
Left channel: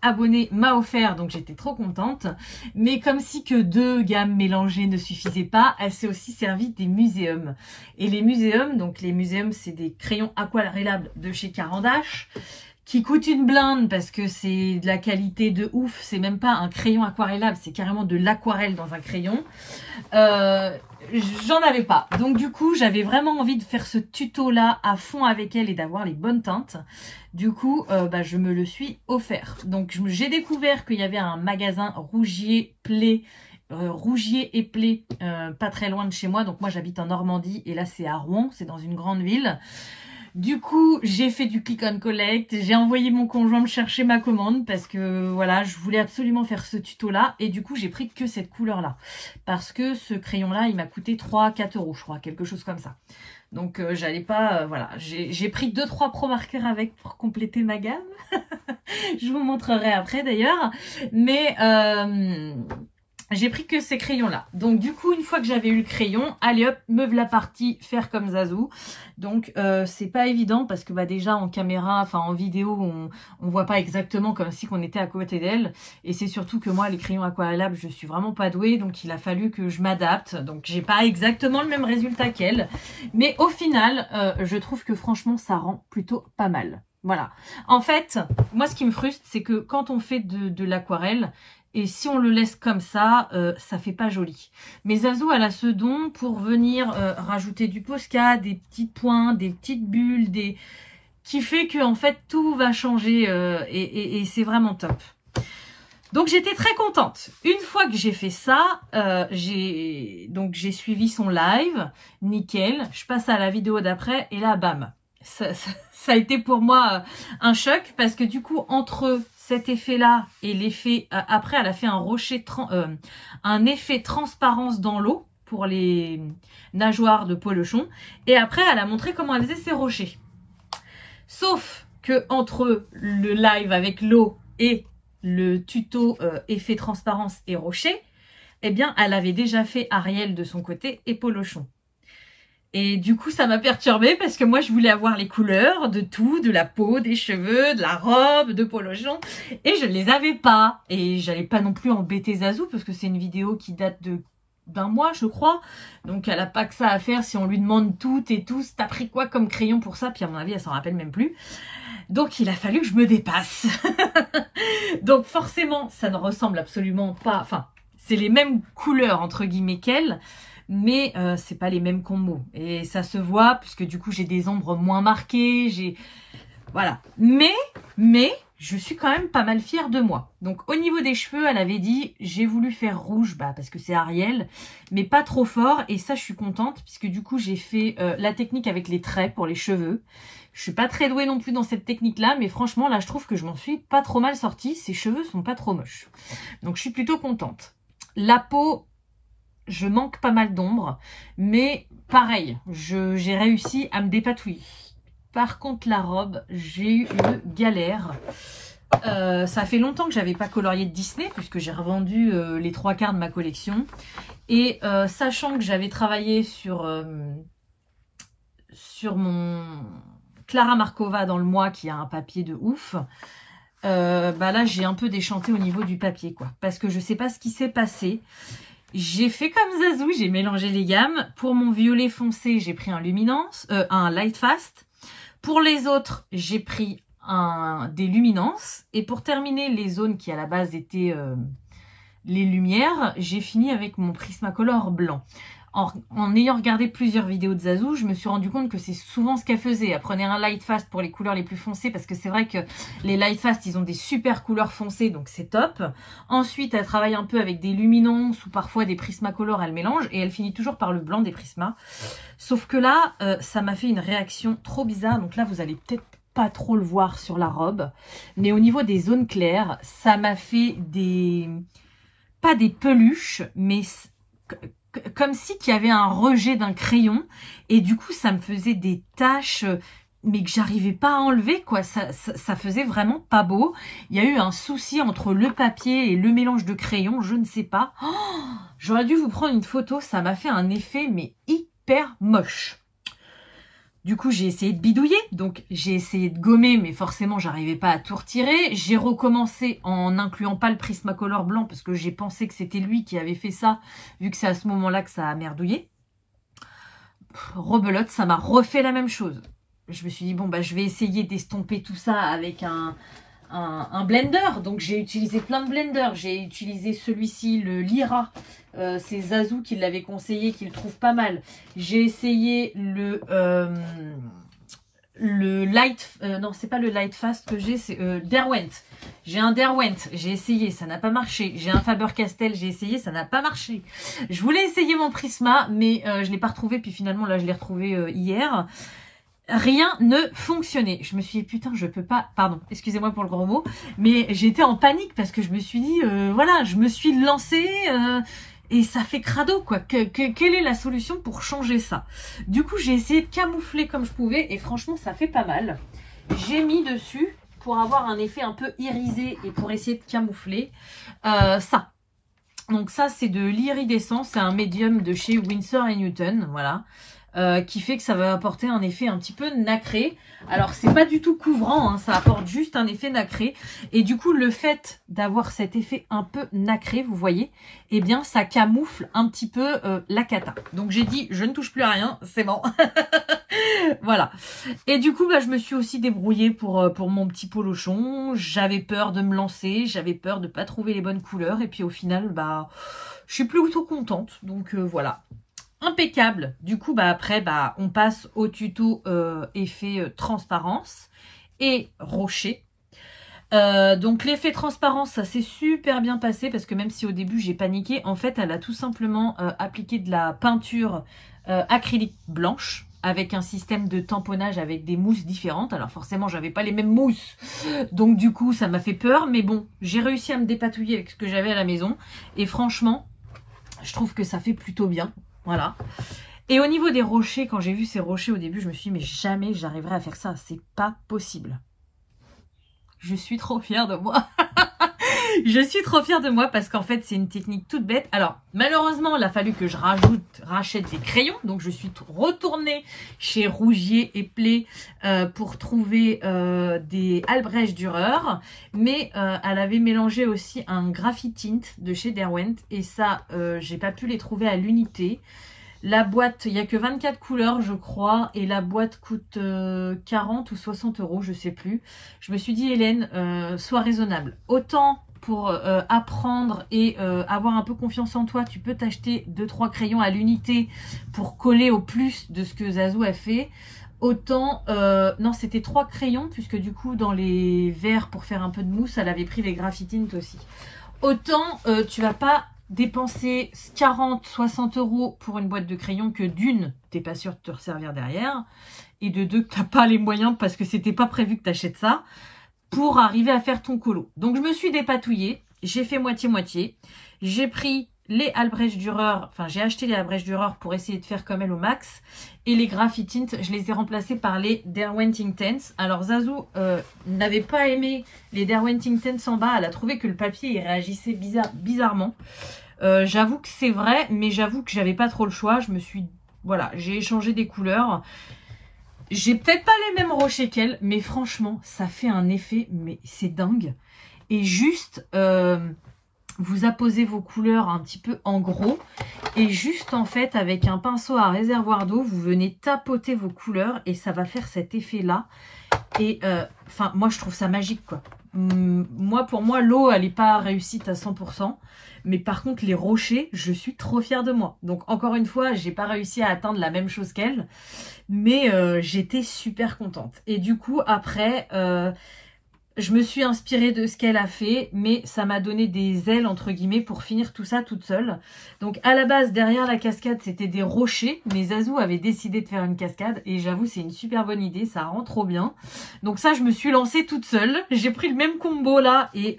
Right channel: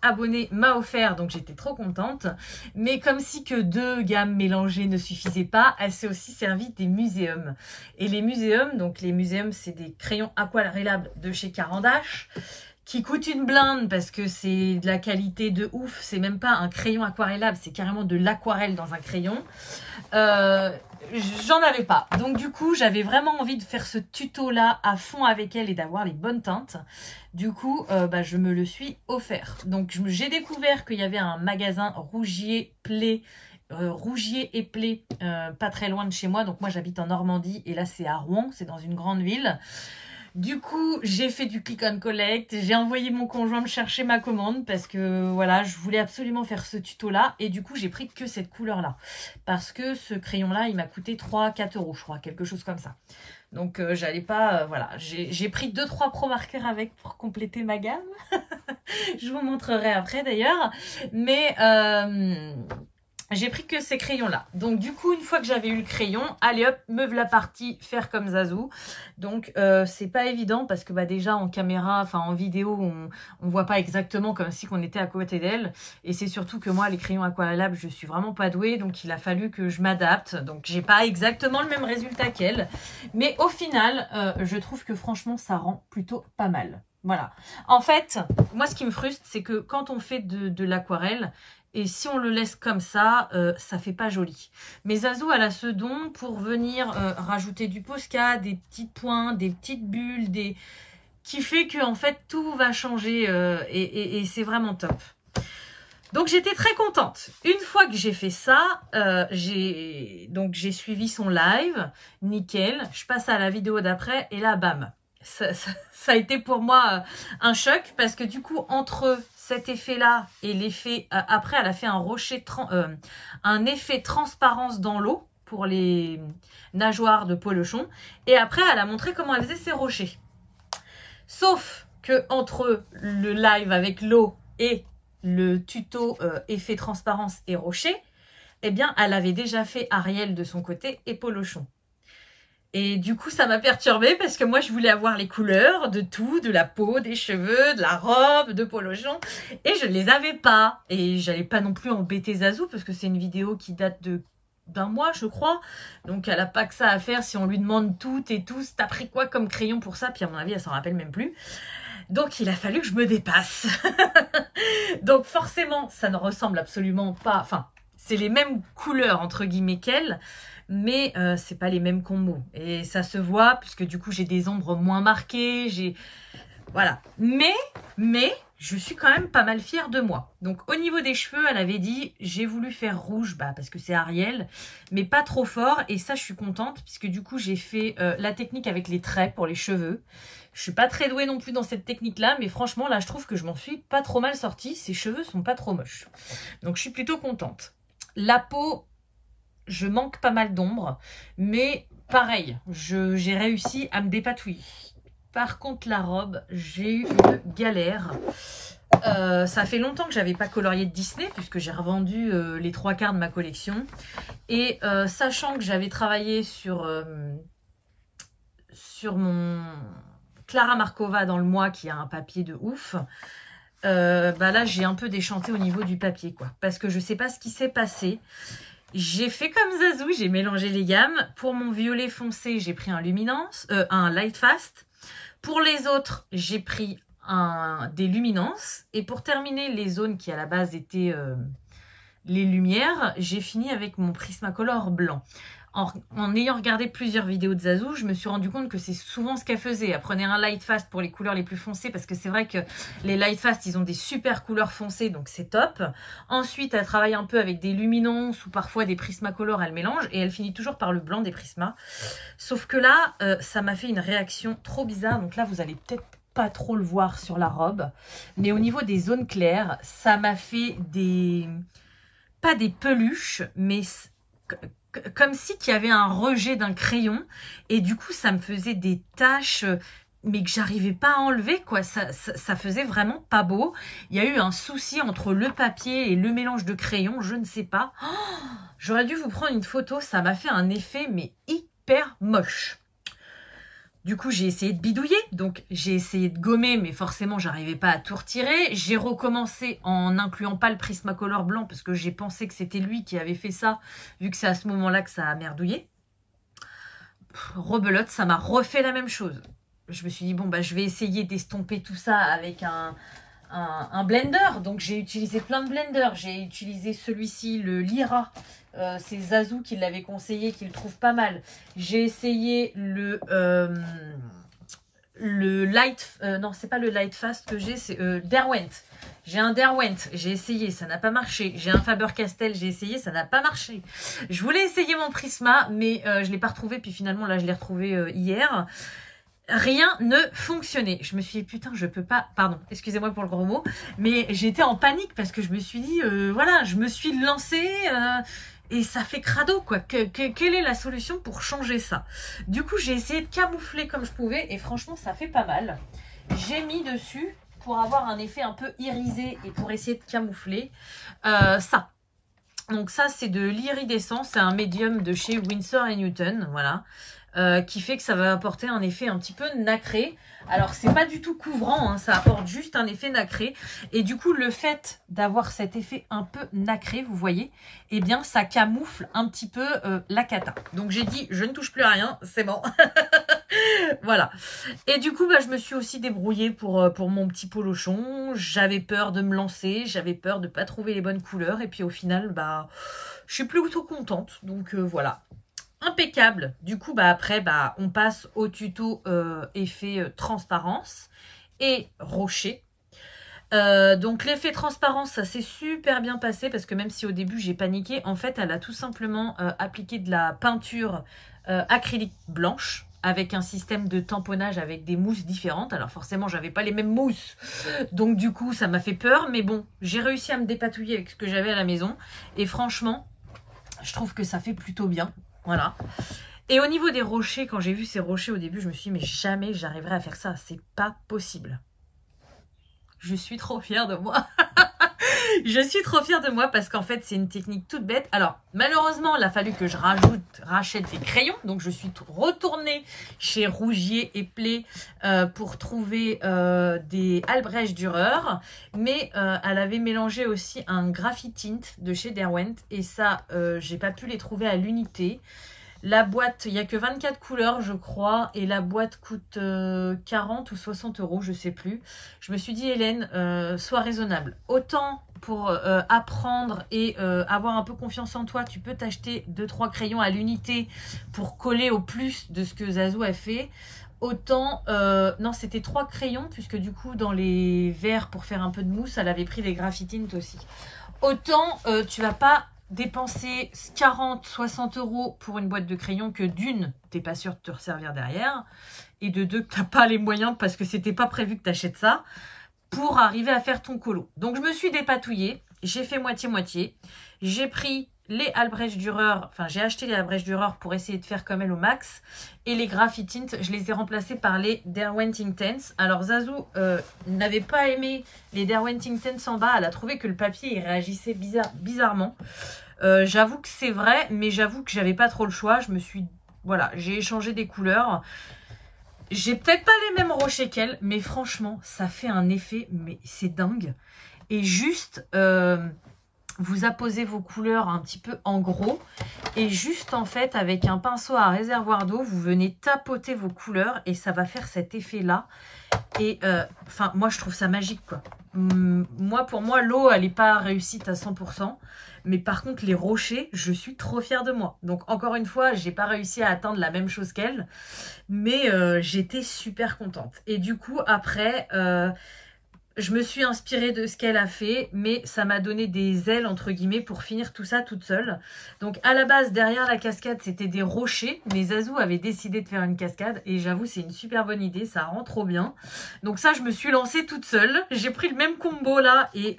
abonnée m'a offert, donc j'étais trop contente. Mais comme si que 2 gammes mélangées ne suffisaient pas, elle s'est aussi servie des muséums. Et les muséums, donc les muséums, c'est des crayons aquarellables de chez Caran d'Ache qui coûtent une blinde parce que c'est de la qualité de ouf. C'est même pas un crayon aquarellable, c'est carrément de l'aquarelle dans un crayon. J'en avais pas. Donc du coup, j'avais vraiment envie de faire ce tuto-là à fond avec elle et d'avoir les bonnes teintes. Du coup, je me le suis offert. Donc j'ai découvert qu'il y avait un magasin Rougier et Play, pas très loin de chez moi. Donc moi, j'habite en Normandie et là, c'est à Rouen, c'est dans une grande ville. Du coup, j'ai fait du click and collect, j'ai envoyé mon conjoint me chercher ma commande parce que voilà, je voulais absolument faire ce tuto-là et du coup, j'ai pris que cette couleur-là parce que ce crayon-là, il m'a coûté 3-4 €, je crois, quelque chose comme ça. Donc, j'allais pas, voilà, j'ai pris 2-3 Pro Marker avec pour compléter ma gamme. Je vous montrerai après d'ailleurs, mais... j'ai pris que ces crayons-là. Donc, du coup, une fois que j'avais eu le crayon, allez hop, me voilà partie faire comme Zazu. Donc, c'est pas évident parce que déjà en caméra, enfin en vidéo, on voit pas exactement comme si on était à côté d'elle. Et c'est surtout que moi, les crayons aquarellables, je suis vraiment pas douée. Donc, il a fallu que je m'adapte. Donc, j'ai pas exactement le même résultat qu'elle. Mais au final, je trouve que franchement, ça rend plutôt pas mal. Voilà. En fait, moi, ce qui me frustre, c'est que quand on fait de l'aquarelle, et si on le laisse comme ça, ça fait pas joli. Mais Zazu, elle a ce don pour venir rajouter du Posca, des petits points, des petites bulles, qui fait que en fait tout va changer et c'est vraiment top. Donc j'étais très contente. Une fois que j'ai fait ça, j'ai suivi son live, nickel. Je passe à la vidéo d'après et là, bam. Ça a été pour moi un choc parce que du coup, entre cet effet-là et l'effet... après, elle a fait un effet transparence dans l'eau pour les nageoires de polochon. Et après, elle a montré comment elle faisait ses rochers. Sauf que entre le live avec l'eau et le tuto effet transparence et rocher, eh bien, elle avait déjà fait Ariel de son côté et polochon. Et du coup, ça m'a perturbée parce que moi, je voulais avoir les couleurs de tout, de la peau, des cheveux, de la robe, de polochon. Et je ne les avais pas. Et j'allais pas non plus embêter Zazu parce que c'est une vidéo qui date d'un mois, je crois. Donc, elle n'a pas que ça à faire si on lui demande tout et tout. T'as pris quoi comme crayon pour ça? Puis à mon avis, elle s'en rappelle même plus. Donc, il a fallu que je me dépasse. Donc, forcément, ça ne ressemble absolument pas... Enfin, c'est les mêmes couleurs, entre guillemets, qu'elle. Mais c'est pas les mêmes combos. Et ça se voit, puisque du coup, j'ai des ombres moins marquées. Voilà. Mais, je suis quand même pas mal fière de moi. Donc, au niveau des cheveux, elle avait dit, j'ai voulu faire rouge, parce que c'est Ariel, mais pas trop fort. Et ça, je suis contente, puisque du coup, j'ai fait la technique avec les traits pour les cheveux. Je suis pas très douée non plus dans cette technique-là, mais franchement, là, je trouve que je m'en suis pas trop mal sortie. Ses cheveux sont pas trop moches. Donc, je suis plutôt contente. La peau... je manque pas mal d'ombre, mais pareil, j'ai réussi à me dépatouiller. Par contre, la robe, j'ai eu une galère. Ça fait longtemps que j'avais pas colorié de Disney, puisque j'ai revendu les 3/4 de ma collection. Et sachant que j'avais travaillé sur mon Clara Markova dans le mois, qui a un papier de ouf, là, j'ai un peu déchanté au niveau du papier, quoi. Parce que je sais pas ce qui s'est passé. J'ai fait comme Zazu, j'ai mélangé les gammes. Pour mon violet foncé, j'ai pris un Luminance, un Light Fast. Pour les autres, j'ai pris des Luminances. Et pour terminer les zones qui à la base étaient les lumières, j'ai fini avec mon Prismacolor blanc. En ayant regardé plusieurs vidéos de Zazu, je me suis rendu compte que c'est souvent ce qu'elle faisait. Elle prenait un Light Fast pour les couleurs les plus foncées, parce que c'est vrai que les Light Fast, ils ont des super couleurs foncées, donc c'est top. Ensuite, elle travaille un peu avec des luminances ou parfois des Prismacolor, elle mélange, et elle finit toujours par le blanc des Prismas. Sauf que là, ça m'a fait une réaction trop bizarre, donc là, vous allez peut-être pas trop le voir sur la robe. Mais au niveau des zones claires, ça m'a fait pas des peluches, mais... comme si qu'il y avait un rejet d'un crayon. Et du coup, ça me faisait des taches, mais que j'arrivais pas à enlever, quoi. Ça faisait vraiment pas beau. Il y a eu un souci entre le papier et le mélange de crayon, je ne sais pas. Oh, j'aurais dû vous prendre une photo, ça m'a fait un effet, mais hyper moche. Du coup, j'ai essayé de bidouiller, donc j'ai essayé de gommer, mais forcément, j'arrivais pas à tout retirer. J'ai recommencé en n'incluant pas le Prismacolor blanc, parce que j'ai pensé que c'était lui qui avait fait ça, vu que c'est à ce moment-là que ça a merdouillé. Rebelote, ça m'a refait la même chose. Je me suis dit, bon, bah, je vais essayer d'estomper tout ça avec un blender. Donc, j'ai utilisé plein de blenders. J'ai utilisé celui-ci, le Lyra. C'est Zazou qui l'avait conseillé, qui le trouve pas mal. J'ai essayé le Light... non, c'est pas le Light Fast que j'ai, c'est Derwent. J'ai un Derwent, j'ai essayé, ça n'a pas marché. J'ai un Faber-Castell, j'ai essayé, ça n'a pas marché. Je voulais essayer mon Prisma, mais je ne l'ai pas retrouvé. Puis finalement, là, je l'ai retrouvé hier. Rien ne fonctionnait. Je me suis dit, putain, je peux pas... Pardon, excusez-moi pour le gros mot. Mais j'étais en panique parce que je me suis dit, voilà, je me suis lancée... et ça fait crado, quoi. Quelle est la solution pour changer ça? Du coup, j'ai essayé de camoufler comme je pouvais. Et franchement, ça fait pas mal. J'ai mis dessus, pour avoir un effet un peu irisé et pour essayer de camoufler, ça. Donc ça, c'est de l'iridescent. C'est un médium de chez Winsor & Newton, voilà. Qui fait que ça va apporter un effet un petit peu nacré. Alors, c'est pas du tout couvrant, hein, ça apporte juste un effet nacré. Et du coup, le fait d'avoir cet effet un peu nacré, vous voyez, eh bien, ça camoufle un petit peu la cata. Donc, j'ai dit, je ne touche plus à rien, c'est bon. Voilà. Et du coup, bah, je me suis aussi débrouillée pour mon petit polochon. J'avais peur de me lancer, j'avais peur de pas trouver les bonnes couleurs. Et puis, au final, bah, je suis plutôt contente. Donc, voilà. Impeccable. Du coup, bah après, bah on passe au tuto effet transparence et rocher. Donc l'effet transparence, ça s'est super bien passé parce que même si au début j'ai paniqué, en fait, elle a tout simplement appliqué de la peinture acrylique blanche avec un système de tamponnage avec des mousses différentes. Alors forcément, j'avais pas les mêmes mousses, donc du coup, ça m'a fait peur. Mais bon, j'ai réussi à me dépatouiller avec ce que j'avais à la maison et franchement, je trouve que ça fait plutôt bien. Voilà. Et au niveau des rochers, quand j'ai vu ces rochers au début, je me suis dit, mais jamais j'arriverai à faire ça. C'est pas possible. Je suis trop fière de moi. Je suis trop fière de moi parce qu'en fait, c'est une technique toute bête. Alors, malheureusement, il a fallu que je rachète des crayons. Donc, je suis retournée chez Rougier et Play pour trouver des Albrecht Dürer. Mais elle avait mélangé aussi un Graphitint de chez Derwent. Et ça, j'ai pas pu les trouver à l'unité. La boîte, il n'y a que 24 couleurs, je crois, et la boîte coûte 40 ou 60 €, je sais plus. Je me suis dit, Hélène, sois raisonnable. Autant pour apprendre et avoir un peu confiance en toi, tu peux t'acheter 2-3 crayons à l'unité pour coller au plus de ce que Zazou a fait. Autant, non, c'était 3 crayons, puisque du coup, dans les verres, pour faire un peu de mousse, elle avait pris les Graphitint aussi. Autant, tu vas pas dépenser 40-60 € pour une boîte de crayons que d'une, t'es pas sûr de te resservir derrière, et de deux, que t'as pas les moyens parce que c'était pas prévu que t'achètes ça, pour arriver à faire ton colo. Donc je me suis dépatouillée, j'ai fait moitié-moitié, j'ai pris les Albrecht Dürer, enfin j'ai acheté les Albrecht Dürer pour essayer de faire comme elle au max, et les Graphitint, je les ai remplacés par les Derwent Intense. Alors Zazou n'avait pas aimé les Derwent Intense en bas, elle a trouvé que le papier il réagissait bizarrement. J'avoue que c'est vrai, mais j'avoue que j'avais pas trop le choix. Je me suis, voilà, j'ai échangé des couleurs. J'ai peut-être pas les mêmes rochers qu'elle, mais franchement, ça fait un effet, mais c'est dingue. Et juste, vous apposez vos couleurs un petit peu en gros, et juste en fait, avec un pinceau à réservoir d'eau, vous venez tapoter vos couleurs, et ça va faire cet effet-là. Et enfin, moi, je trouve ça magique, quoi. Moi, pour moi, l'eau, elle n'est pas réussite à 100%. Mais par contre, les rochers, je suis trop fière de moi. Donc, encore une fois, j'ai pas réussi à atteindre la même chose qu'elle. Mais j'étais super contente. Et du coup, après, je me suis inspirée de ce qu'elle a fait. Mais ça m'a donné des ailes, entre guillemets, pour finir tout ça toute seule. Donc, à la base, derrière la cascade, c'était des rochers. Mais Zazou avait décidé de faire une cascade. Et j'avoue, c'est une super bonne idée. Ça rend trop bien. Donc ça, je me suis lancée toute seule. J'ai pris le même combo là. Et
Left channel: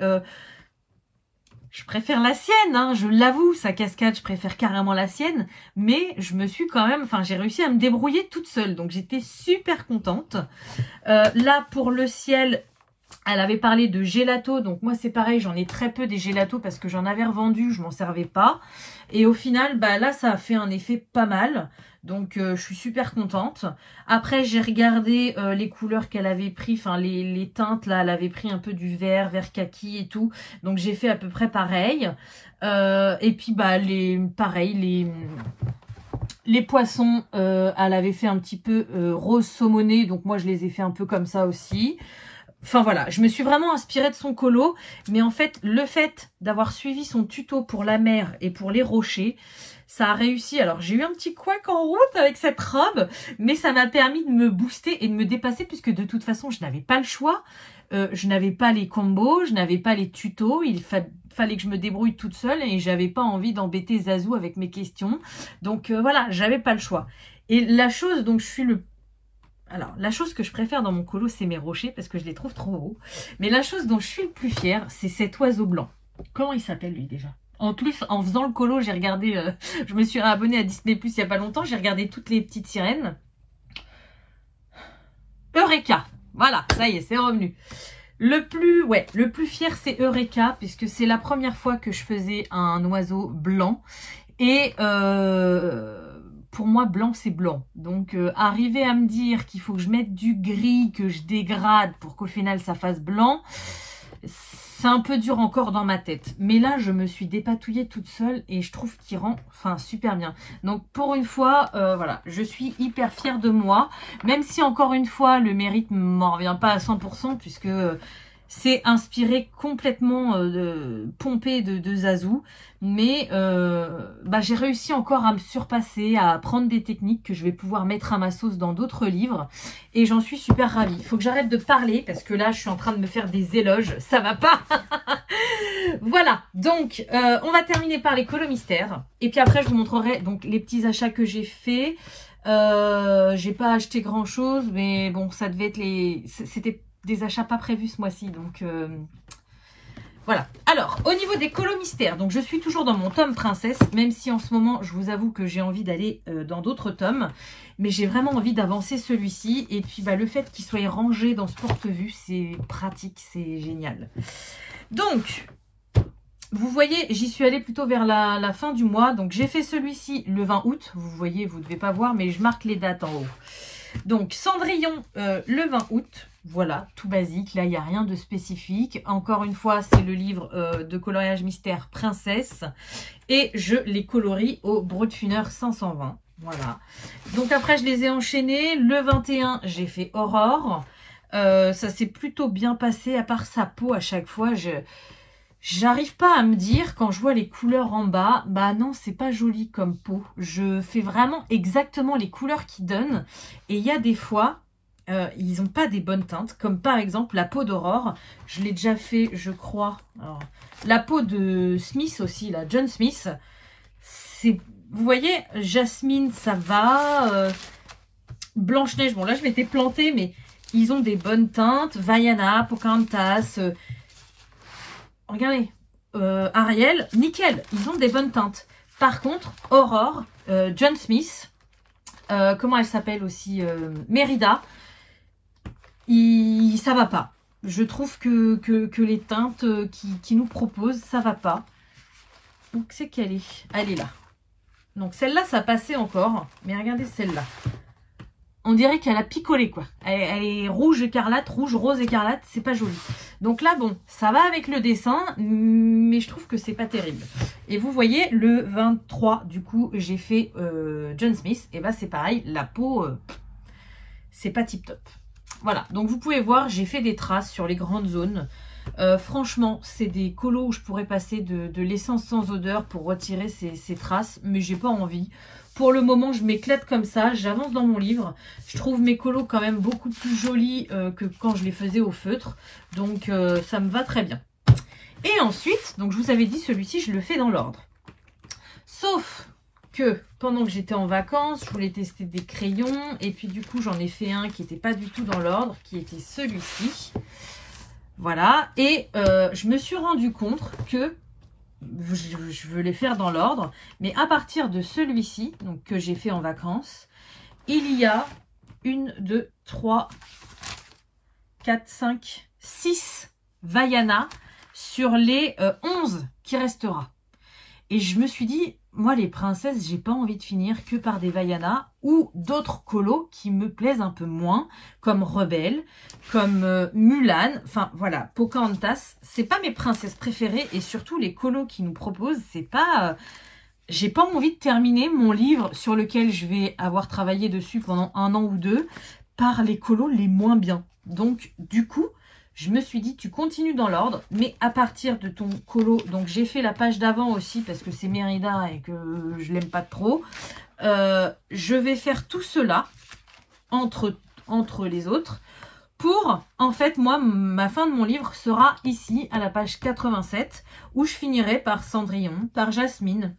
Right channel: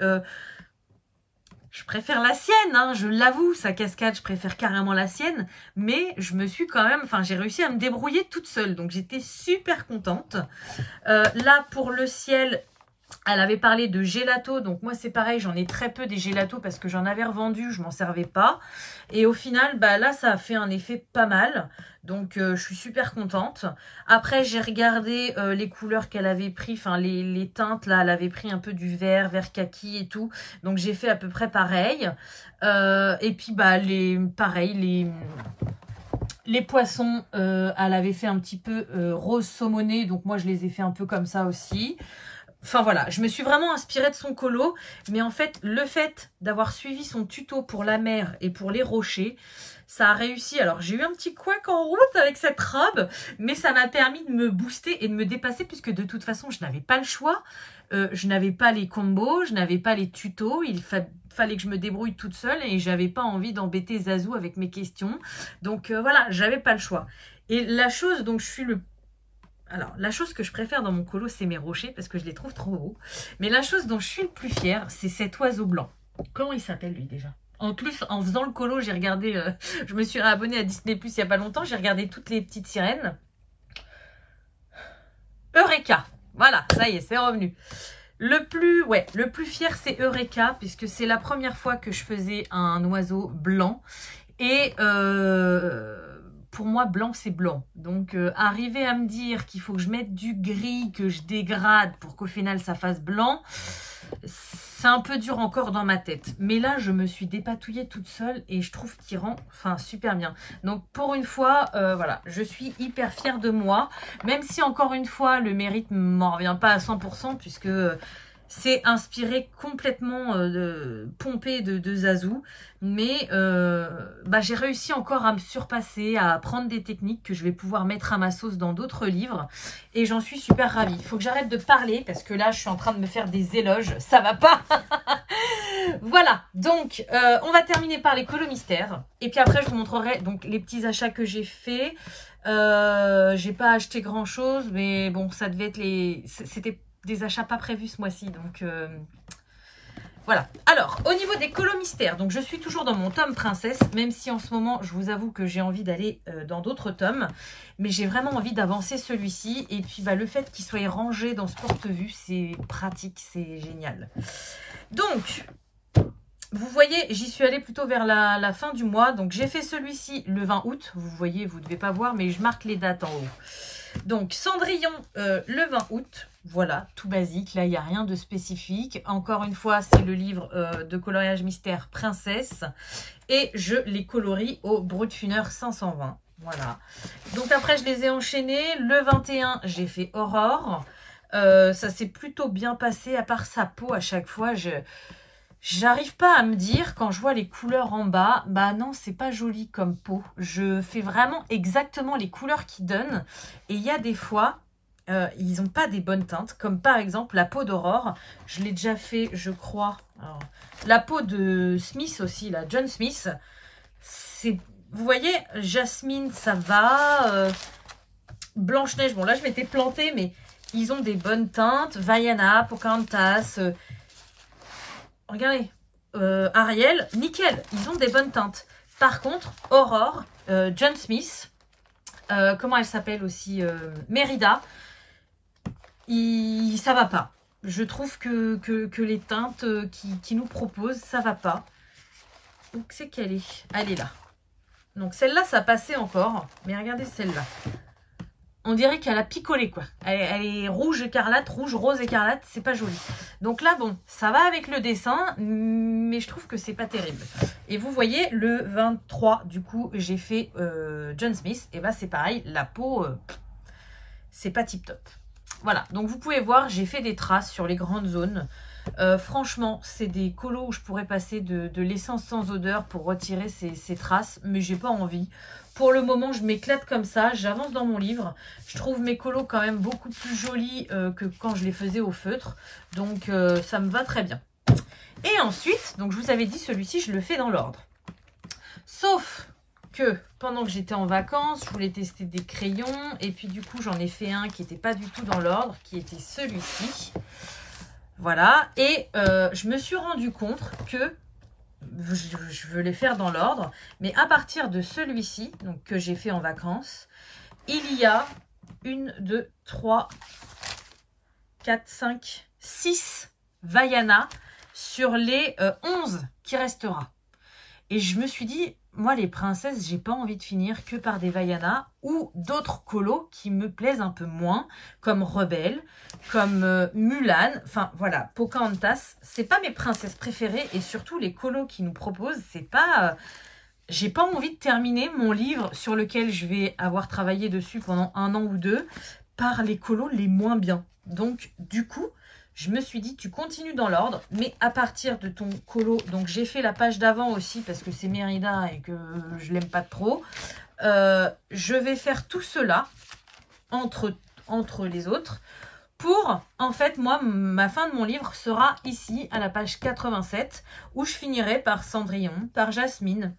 je préfère la sienne, hein, je l'avoue, sa cascade, je préfère carrément la sienne, mais je me suis quand même, enfin j'ai réussi à me débrouiller toute seule, donc j'étais super contente. Là pour le ciel, elle avait parlé de gelato, donc moi c'est pareil, j'en ai très peu des gelatos parce que j'en avais revendu, je m'en servais pas. Et au final, bah là ça a fait un effet pas mal, donc je suis super contente. Après j'ai regardé les couleurs qu'elle avait pris, enfin les teintes là, elle avait pris un peu du vert kaki et tout, donc j'ai fait à peu près pareil. Et puis bah pareil, les poissons, elle avait fait un petit peu rose saumoné, donc moi je les ai fait un peu comme ça aussi. Enfin voilà, je me suis vraiment inspirée de son colo, mais en fait, le fait d'avoir suivi son tuto pour la mer et pour les rochers, ça a réussi. Alors j'ai eu un petit couac en route avec cette robe, mais ça m'a permis de me booster et de me dépasser puisque de toute façon, je n'avais pas le choix. Je n'avais pas les combos, je n'avais pas les tutos, il fallait que je me débrouille toute seule et j'avais pas envie d'embêter Zazou avec mes questions. Donc voilà, j'avais pas le choix. Et la chose dont je suis Alors, la chose que je préfère dans mon colo, c'est mes rochers, parce que je les trouve trop beaux. Mais la chose dont je suis le plus fière, c'est cet oiseau blanc. Comment il s'appelle, lui, déjà? En plus, en faisant le colo, j'ai regardé... je me suis réabonnée à Disney+, il n'y a pas longtemps. J'ai regardé toutes les petites sirènes. Eureka. Voilà, ça y est, c'est revenu. Le plus fier, c'est Eureka, puisque c'est la première fois que je faisais un oiseau blanc. Et... pour moi, blanc, c'est blanc. Donc, arriver à me dire qu'il faut que je mette du gris, que je dégrade pour qu'au final, ça fasse blanc, c'est un peu dur encore dans ma tête. Mais là, je me suis dépatouillée toute seule et je trouve qu'il rend super bien. Donc, pour une fois, voilà, je suis hyper fière de moi. Même si, encore une fois, le mérite ne m'en revient pas à 100% puisque... c'est inspiré complètement pompé de Zazou. Mais j'ai réussi encore à me surpasser, à apprendre des techniques que je vais pouvoir mettre à ma sauce dans d'autres livres. Et j'en suis super ravie. Il faut que j'arrête de parler parce que là, je suis en train de me faire des éloges. Ça va pas. Voilà. Donc, on va terminer par les colos mystères. Et puis après, je vous montrerai donc les petits achats que j'ai faits. J'ai pas acheté grand chose. Mais bon, ça devait être c'était des achats pas prévus ce mois-ci, donc voilà. Alors, au niveau des colos mystères, donc je suis toujours dans mon tome princesse, même si en ce moment, je vous avoue que j'ai envie d'aller dans d'autres tomes, mais j'ai vraiment envie d'avancer celui-ci, et puis le fait qu'il soit rangé dans ce porte-vue, c'est pratique, c'est génial. Donc, vous voyez, j'y suis allée plutôt vers la fin du mois, donc j'ai fait celui-ci le 20 août, vous voyez, vous ne devez pas voir, mais je marque les dates en haut. Donc, Cendrillon, le 20 août, voilà, tout basique, là, il n'y a rien de spécifique. Encore une fois, c'est le livre de coloriage mystère Princesse. Et je les colorie au Brutfuner 520, voilà. Donc, après, je les ai enchaînés. Le 21, j'ai fait Aurore. Ça s'est plutôt bien passé, à part sa peau, à chaque fois, j'arrive pas à me dire, quand je vois les couleurs en bas, bah non, c'est pas joli comme peau. Je fais vraiment exactement les couleurs qu'ils donnent. Et il y a des fois, ils n'ont pas des bonnes teintes. Comme par exemple la peau d'Aurore. Je l'ai déjà fait, je crois. Alors, la peau de Smith aussi, là, John Smith. Vous voyez, Jasmine, ça va. Blanche-Neige, bon là je m'étais plantée, mais ils ont des bonnes teintes. Vaiana, Pocahontas... regardez, Ariel, nickel, ils ont des bonnes teintes. Par contre, Aurore, John Smith, comment elle s'appelle aussi, Mérida, ça va pas. Je trouve que les teintes qui nous proposent, ça va pas. Où c'est qu'elle est? Elle est là. Donc celle-là, ça passait encore, mais regardez celle-là. On dirait qu'elle a picolé, quoi. Elle est rouge écarlate, rouge, rose écarlate. C'est pas joli. Donc là, bon, ça va avec le dessin, mais je trouve que c'est pas terrible. Et vous voyez, le 23, du coup, j'ai fait John Smith. Et bah, c'est pareil, la peau, c'est pas tip top. Voilà, donc vous pouvez voir, j'ai fait des traces sur les grandes zones. Franchement, c'est des colos où je pourrais passer de l'essence sans odeur pour retirer ces traces, mais j'ai pas envie. Pour le moment, je m'éclate comme ça, j'avance dans mon livre. Je trouve mes colos quand même beaucoup plus jolis que quand je les faisais au feutre. Donc, ça me va très bien. Et ensuite, donc je vous avais dit, celui-ci, je le fais dans l'ordre. Sauf que pendant que j'étais en vacances, je voulais tester des crayons. Et puis du coup, j'en ai fait un qui n'était pas du tout dans l'ordre, qui était celui-ci. Voilà. Et je me suis rendu compte que je veux les faire dans l'ordre. Mais à partir de celui-ci, donc que j'ai fait en vacances, il y a 1, 2, 3, 4, 5, 6 Vaiana sur les 11 qui restera. Et je me suis dit, moi les princesses, j'ai pas envie de finir que par des Vaiana ou d'autres colos qui me plaisent un peu moins, comme Rebelle, comme Mulan, enfin voilà, Pocahontas, c'est pas mes princesses préférées et surtout les colos qui nous proposent, c'est pas... j'ai pas envie de terminer mon livre sur lequel je vais avoir travaillé dessus pendant 1 an ou 2 par les colos les moins bien. Donc du coup, je me suis dit, tu continues dans l'ordre, mais à partir de ton colo, donc j'ai fait la page d'avant aussi parce que c'est Mérida et que je l'aime pas trop. Je vais faire tout cela entre les autres pour, en fait, moi, ma fin de mon livre sera ici à la page 87 où je finirai par Cendrillon, par Jasmine,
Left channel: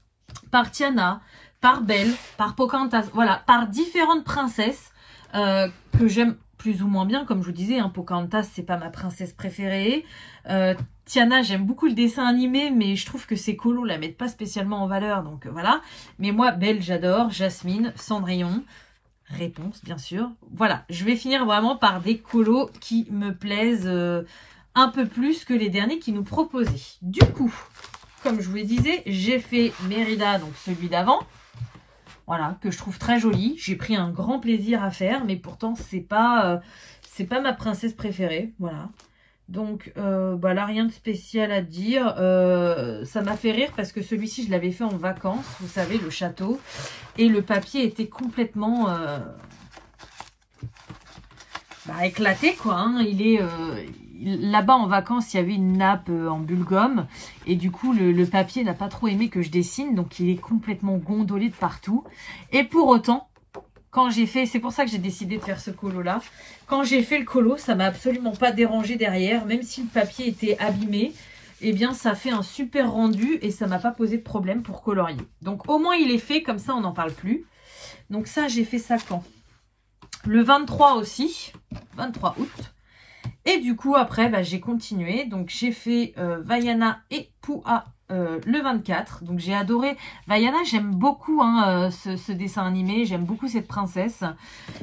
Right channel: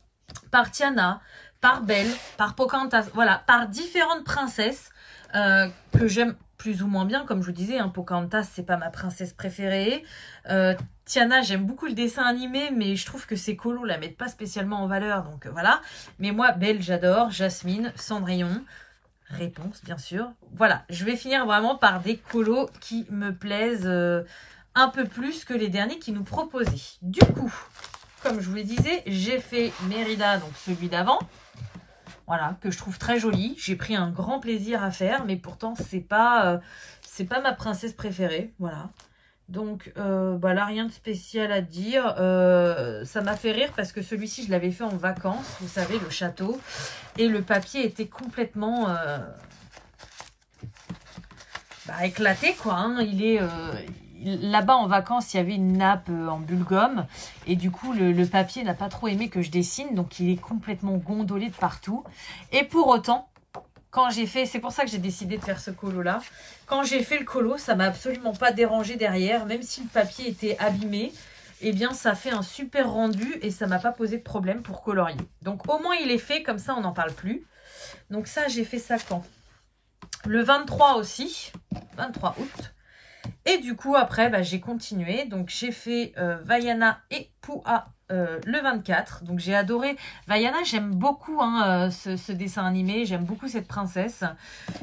par Tiana, par Belle, par Pocahontas, voilà, par différentes princesses que j'aime plus ou moins bien, comme je vous disais, hein, Pocahontas, c'est pas ma princesse préférée. Tiana, j'aime beaucoup le dessin animé, mais je trouve que ces colos la mettent pas spécialement en valeur, donc voilà. Mais moi, Belle, j'adore, Jasmine, Cendrillon, Réponse, bien sûr. Voilà, je vais finir vraiment par des colos qui me plaisent un peu plus que les derniers qui nous proposaient. Du coup, comme je vous le disais, j'ai fait Mérida, donc celui d'avant. Voilà, que je trouve très joli. J'ai pris un grand plaisir à faire, mais pourtant, c'est pas ma princesse préférée. Voilà. Donc, bah là, rien de spécial à dire. Ça m'a fait rire parce que celui-ci, je l'avais fait en vacances, vous savez, le château. Et le papier était complètement éclaté, quoi. Hein. Il est... là-bas, en vacances, il y avait une nappe en bulgum. Et du coup, le papier n'a pas trop aimé que je dessine. Donc, il est complètement gondolé de partout. Et pour autant, quand j'ai fait... C'est pour ça que j'ai décidé de faire ce colo-là. Quand j'ai fait le colo, ça m'a absolument pas dérangé derrière. Même si le papier était abîmé, eh bien, ça fait un super rendu. Et ça m'a pas posé de problème pour colorier. Donc, au moins, il est fait. Comme ça, on n'en parle plus. Donc, ça, j'ai fait ça quand? Le 23 aussi. 23 août. Et du coup, après, bah, j'ai continué. Donc, j'ai fait Vaiana et Pua le 24. Donc, j'ai adoré. Vaiana, j'aime beaucoup hein, ce dessin animé. J'aime beaucoup cette princesse.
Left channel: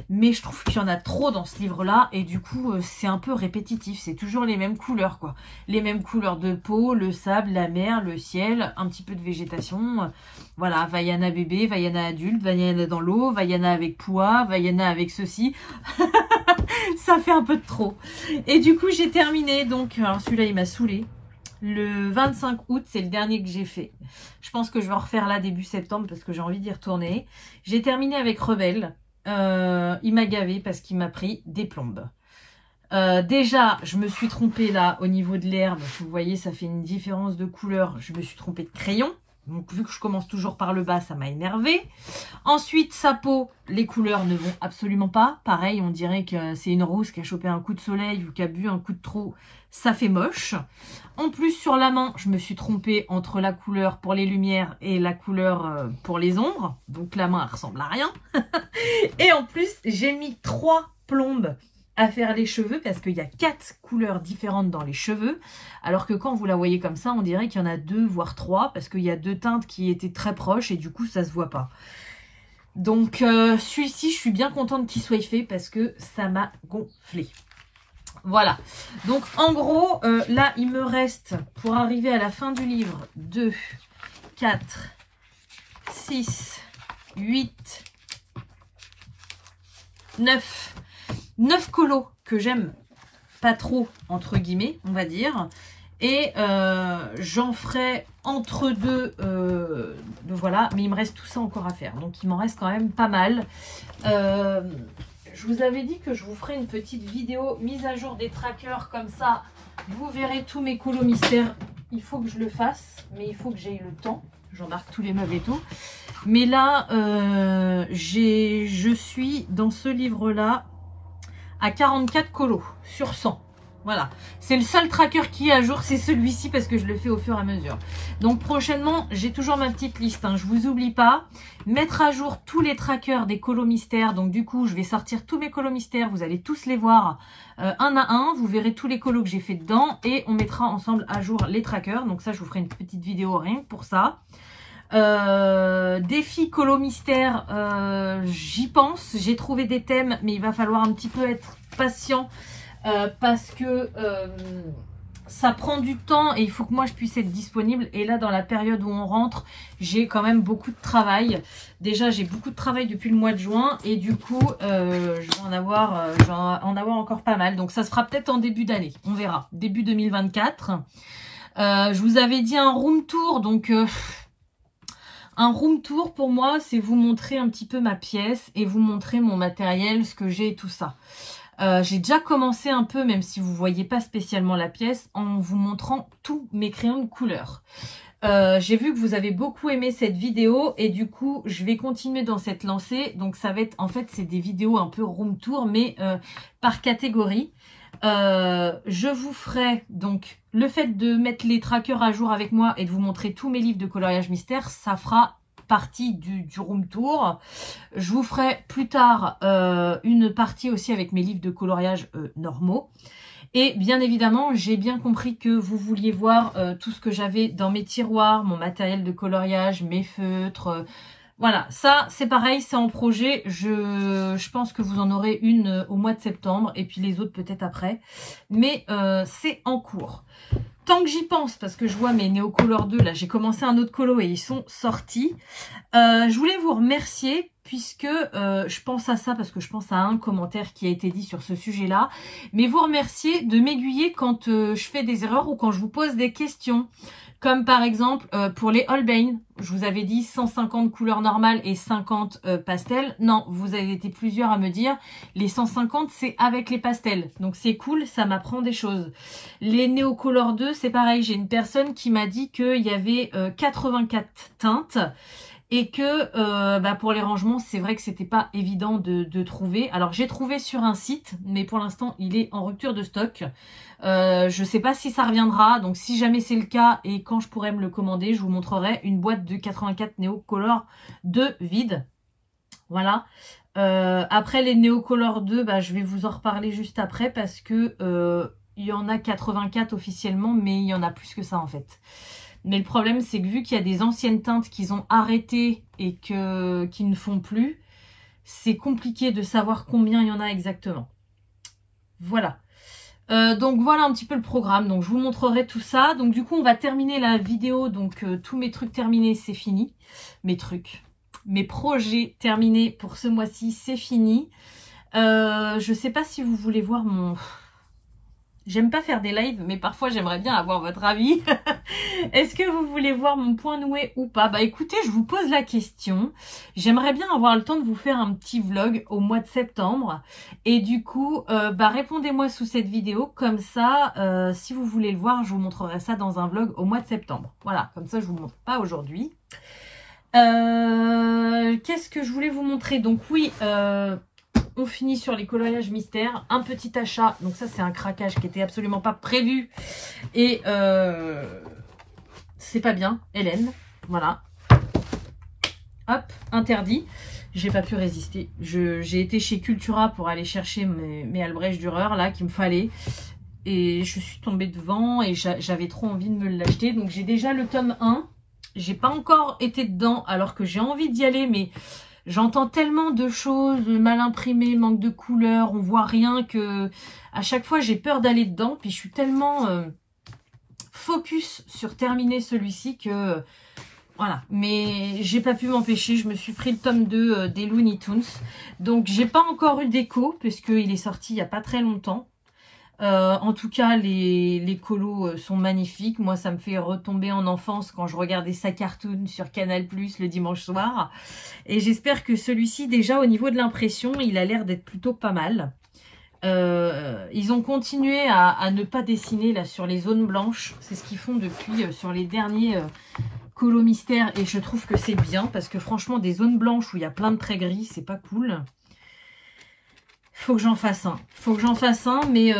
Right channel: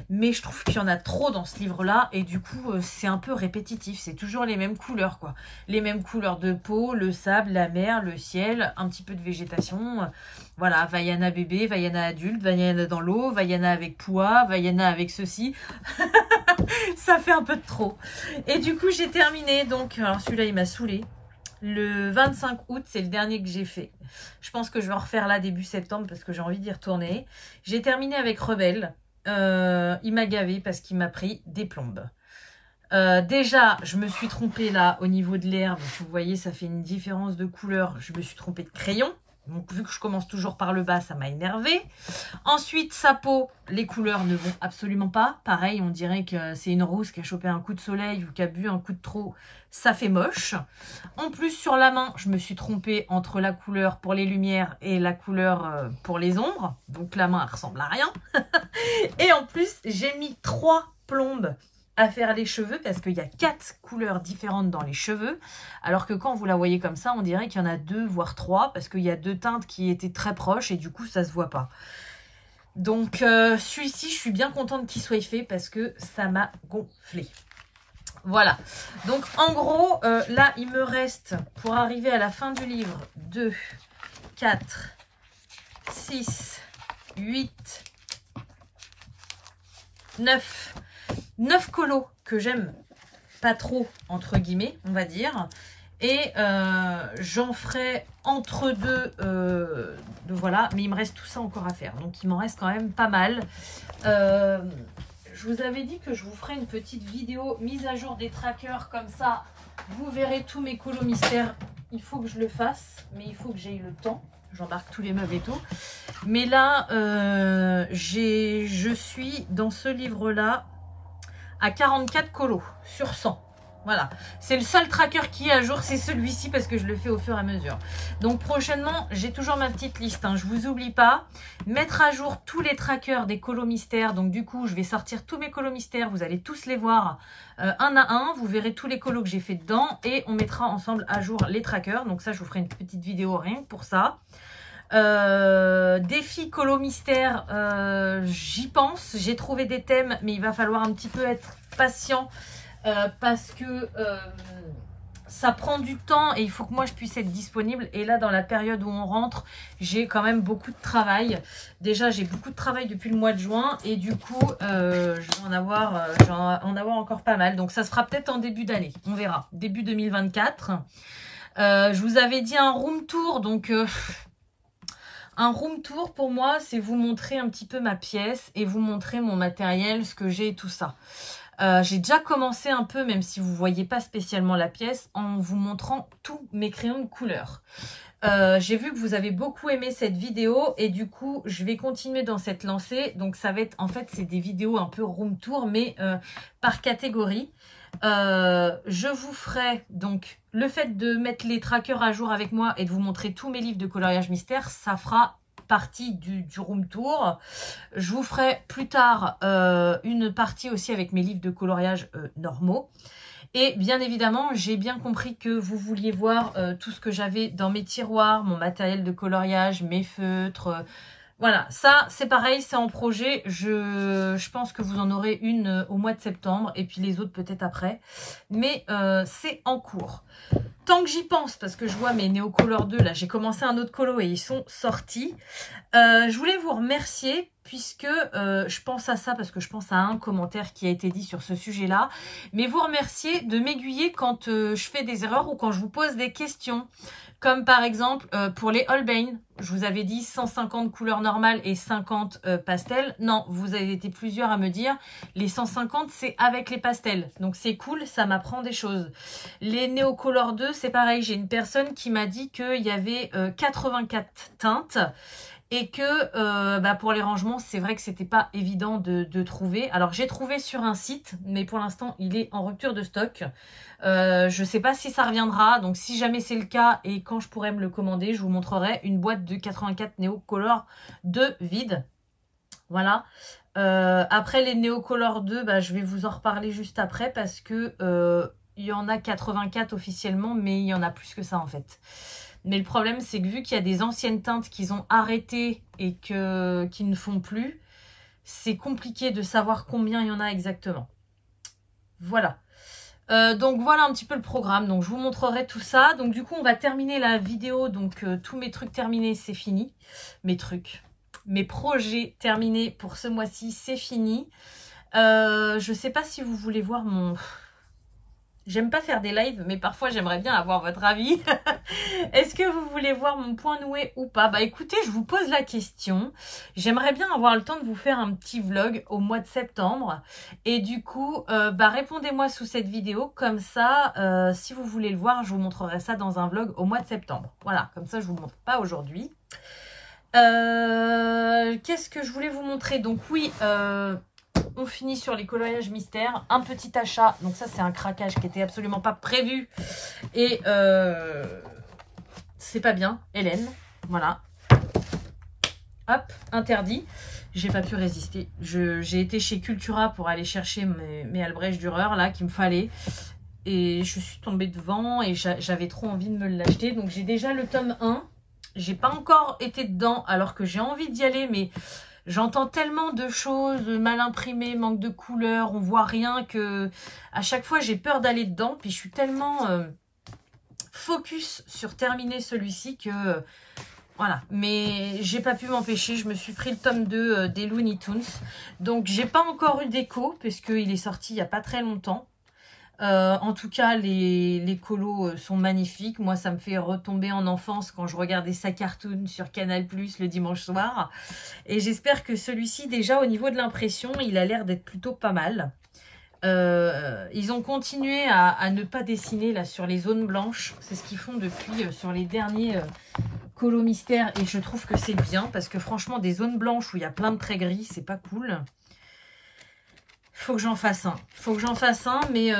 Mais je trouve qu'il y en a trop dans ce livre-là. Et du coup, c'est un peu répétitif. C'est toujours les mêmes couleurs, quoi. Les mêmes couleurs de peau, le sable, la mer, le ciel, un petit peu de végétation. Voilà, Vaiana bébé, Vaiana adulte, Vaiana dans l'eau, Vaiana avec Pua, Vaiana avec ceci. Ça fait un peu de trop. Et du coup, j'ai terminé. Donc, alors celui-là, il m'a saoulé. Le 25 août, c'est le dernier que j'ai fait. Je pense que je vais en refaire là début septembre parce que j'ai envie d'y retourner. J'ai terminé avec Rebelle. Il m'a gavé parce qu'il m'a pris des plombes. Déjà, je me suis trompée là au niveau de l'herbe. Vous voyez, ça fait une différence de couleur. Je me suis trompée de crayon. Donc, vu que je commence toujours par le bas, ça m'a énervé. Ensuite, sa peau, les couleurs ne vont absolument pas. Pareil, on dirait que c'est une rousse qui a chopé un coup de soleil ou qui a bu un coup de trop. Ça fait moche. En plus, sur la main, je me suis trompée entre la couleur pour les lumières et la couleur pour les ombres. Donc, la main, elle ressemble à rien. Et en plus, j'ai mis 3 plombes à faire les cheveux parce qu'il y a 4 couleurs différentes dans les cheveux, alors que quand vous la voyez comme ça, on dirait qu'il y en a 2 voire 3 parce qu'il y a 2 teintes qui étaient très proches et du coup ça se voit pas. Donc celui-ci, je suis bien contente qu'il soit fait parce que ça m'a gonflé. Voilà, donc en gros, là il me reste pour arriver à la fin du livre 2, 4, 6, 8, 9 colos que j'aime pas trop, entre guillemets, on va dire. Et j'en ferai entre deux, voilà. Mais il me reste tout ça encore à faire. Donc, il m'en reste quand même pas mal. Je vous avais dit que je vous ferai une petite vidéo mise à jour des trackers. Comme ça, vous verrez tous mes colos mystères. Il faut que je le fasse, mais il faut que j'aie le temps. J'embarque tous les meubles et tout. Mais là, je suis dans ce livre-là à 44 colos sur 100. Voilà, c'est le seul tracker qui est à jour, c'est celui-ci parce que je le fais au fur et à mesure. Donc prochainement, j'ai toujours ma petite liste, hein, je vous oublie pas. Mettre à jour tous les trackers des colos mystères. Donc du coup, je vais sortir tous mes colos mystères, vous allez tous les voir un à un. Vous verrez tous les colos que j'ai fait dedans et on mettra ensemble à jour les trackers. Donc ça, je vous ferai une petite vidéo rien que pour ça. Défi colo mystère, j'y pense, j'ai trouvé des thèmes, mais il va falloir un petit peu être patient. Parce que ça prend du temps et il faut que moi je puisse être disponible. Et là, dans la période où on rentre, j'ai quand même beaucoup de travail. Déjà, j'ai beaucoup de travail depuis le mois de juin et du coup, je vais en avoir encore pas mal. Donc, ça se fera peut-être en début d'année. On verra. Début 2024. Je vous avais dit un room tour. Donc, un room tour pour moi, c'est vous montrer un petit peu ma pièce et vous montrer mon matériel, ce que j'ai et tout ça. J'ai déjà commencé un peu, même si vous ne voyez pas spécialement la pièce, en vous montrant tous mes crayons de couleur. J'ai vu que vous avez beaucoup aimé cette vidéo et du coup, je vais continuer dans cette lancée. Donc, ça va être, en fait, c'est des vidéos un peu room tour, mais par catégorie. Je vous ferai donc le fait de mettre les trackers à jour avec moi et de vous montrer tous mes livres de coloriage mystère, ça fera partie du room tour. Je vous ferai plus tard une partie aussi avec mes livres de coloriage normaux. Et bien évidemment, j'ai bien compris que vous vouliez voir tout ce que j'avais dans mes tiroirs, mon matériel de coloriage, mes feutres. Voilà, ça c'est pareil, c'est en projet. Je pense que vous en aurez une au mois de septembre et puis les autres peut-être après. Mais c'est en cours. Tant que j'y pense, parce que je vois mes Neocolor 2, là, j'ai commencé un autre colo et ils sont sortis. Je voulais vous remercier puisque je pense à ça, parce que je pense à un commentaire qui a été dit sur ce sujet-là. Mais vous remercier de m'aiguiller quand je fais des erreurs ou quand je vous pose des questions. Comme par exemple, pour les Holbein, je vous avais dit 150 couleurs normales et 50 pastels. Non, vous avez été plusieurs à me dire, les 150, c'est avec les pastels. Donc c'est cool, ça m'apprend des choses. Les Neocolor 2, c'est pareil. J'ai une personne qui m'a dit qu'il y avait 84 teintes. Et que pour les rangements, c'est vrai que c'était pas évident de trouver. Alors j'ai trouvé sur un site, mais pour l'instant il est en rupture de stock. Je sais pas si ça reviendra, donc si jamais c'est le cas et quand je pourrai me le commander, je vous montrerai une boîte de 84 Neocolor 2 vide. Voilà. Après les Neocolor 2, je vais vous en reparler juste après parce que il y en a 84 officiellement, mais il y en a plus que ça en fait. Mais le problème, c'est que vu qu'il y a des anciennes teintes qu'ils ont arrêtées et qui ne font plus, c'est compliqué de savoir combien il y en a exactement. Voilà. Donc voilà un petit peu le programme. Donc je vous montrerai tout ça. Donc du coup, on va terminer la vidéo. Donc tous mes trucs terminés, c'est fini. Mes projets terminés pour ce mois-ci, c'est fini. Je sais pas si vous voulez voir mon... J'aime pas faire des lives, mais parfois j'aimerais bien avoir votre avis. Est-ce que vous voulez voir mon point noué ou pas? Écoutez, je vous pose la question. J'aimerais bien avoir le temps de vous faire un petit vlog au mois de septembre. Et du coup, répondez-moi sous cette vidéo. Comme ça, si vous voulez le voir, je vous montrerai ça dans un vlog au mois de septembre. Voilà, comme ça je vous montre pas aujourd'hui. Qu'est-ce que je voulais vous montrer? Donc oui... on finit sur les coloriages mystères. Un petit achat. Donc ça, c'est un craquage qui était absolument pas prévu. Et c'est pas bien. Hélène. Voilà. Hop, interdit. J'ai pas pu résister. J'ai été chez Cultura pour aller chercher mes Albrecht Dürer là qu'il me fallait. Et je suis tombée devant et j'avais trop envie de me l'acheter. Donc j'ai déjà le tome 1. J'ai pas encore été dedans alors que j'ai envie d'y aller, mais... J'entends tellement de choses, mal imprimées, manque de couleurs, on voit rien que à chaque fois j'ai peur d'aller dedans. Puis je suis tellement focus sur terminer celui-ci que voilà. Mais j'ai pas pu m'empêcher, je me suis pris le tome 2 des Looney Tunes. Donc j'ai pas encore eu d'écho parce qu'il est sorti il y a pas très longtemps. En tout cas, les colos sont magnifiques. Moi, ça me fait retomber en enfance quand je regardais sa cartoon sur Canal+ le dimanche soir. Et j'espère que celui-ci, déjà au niveau de l'impression, il a l'air d'être plutôt pas mal. Ils ont continué à ne pas dessiner là sur les zones blanches. C'est ce qu'ils font depuis sur les derniers colos mystères. Et je trouve que c'est bien parce que franchement, des zones blanches où il y a plein de traits gris, c'est pas cool. Faut que j'en fasse un. Faut que j'en fasse un, mais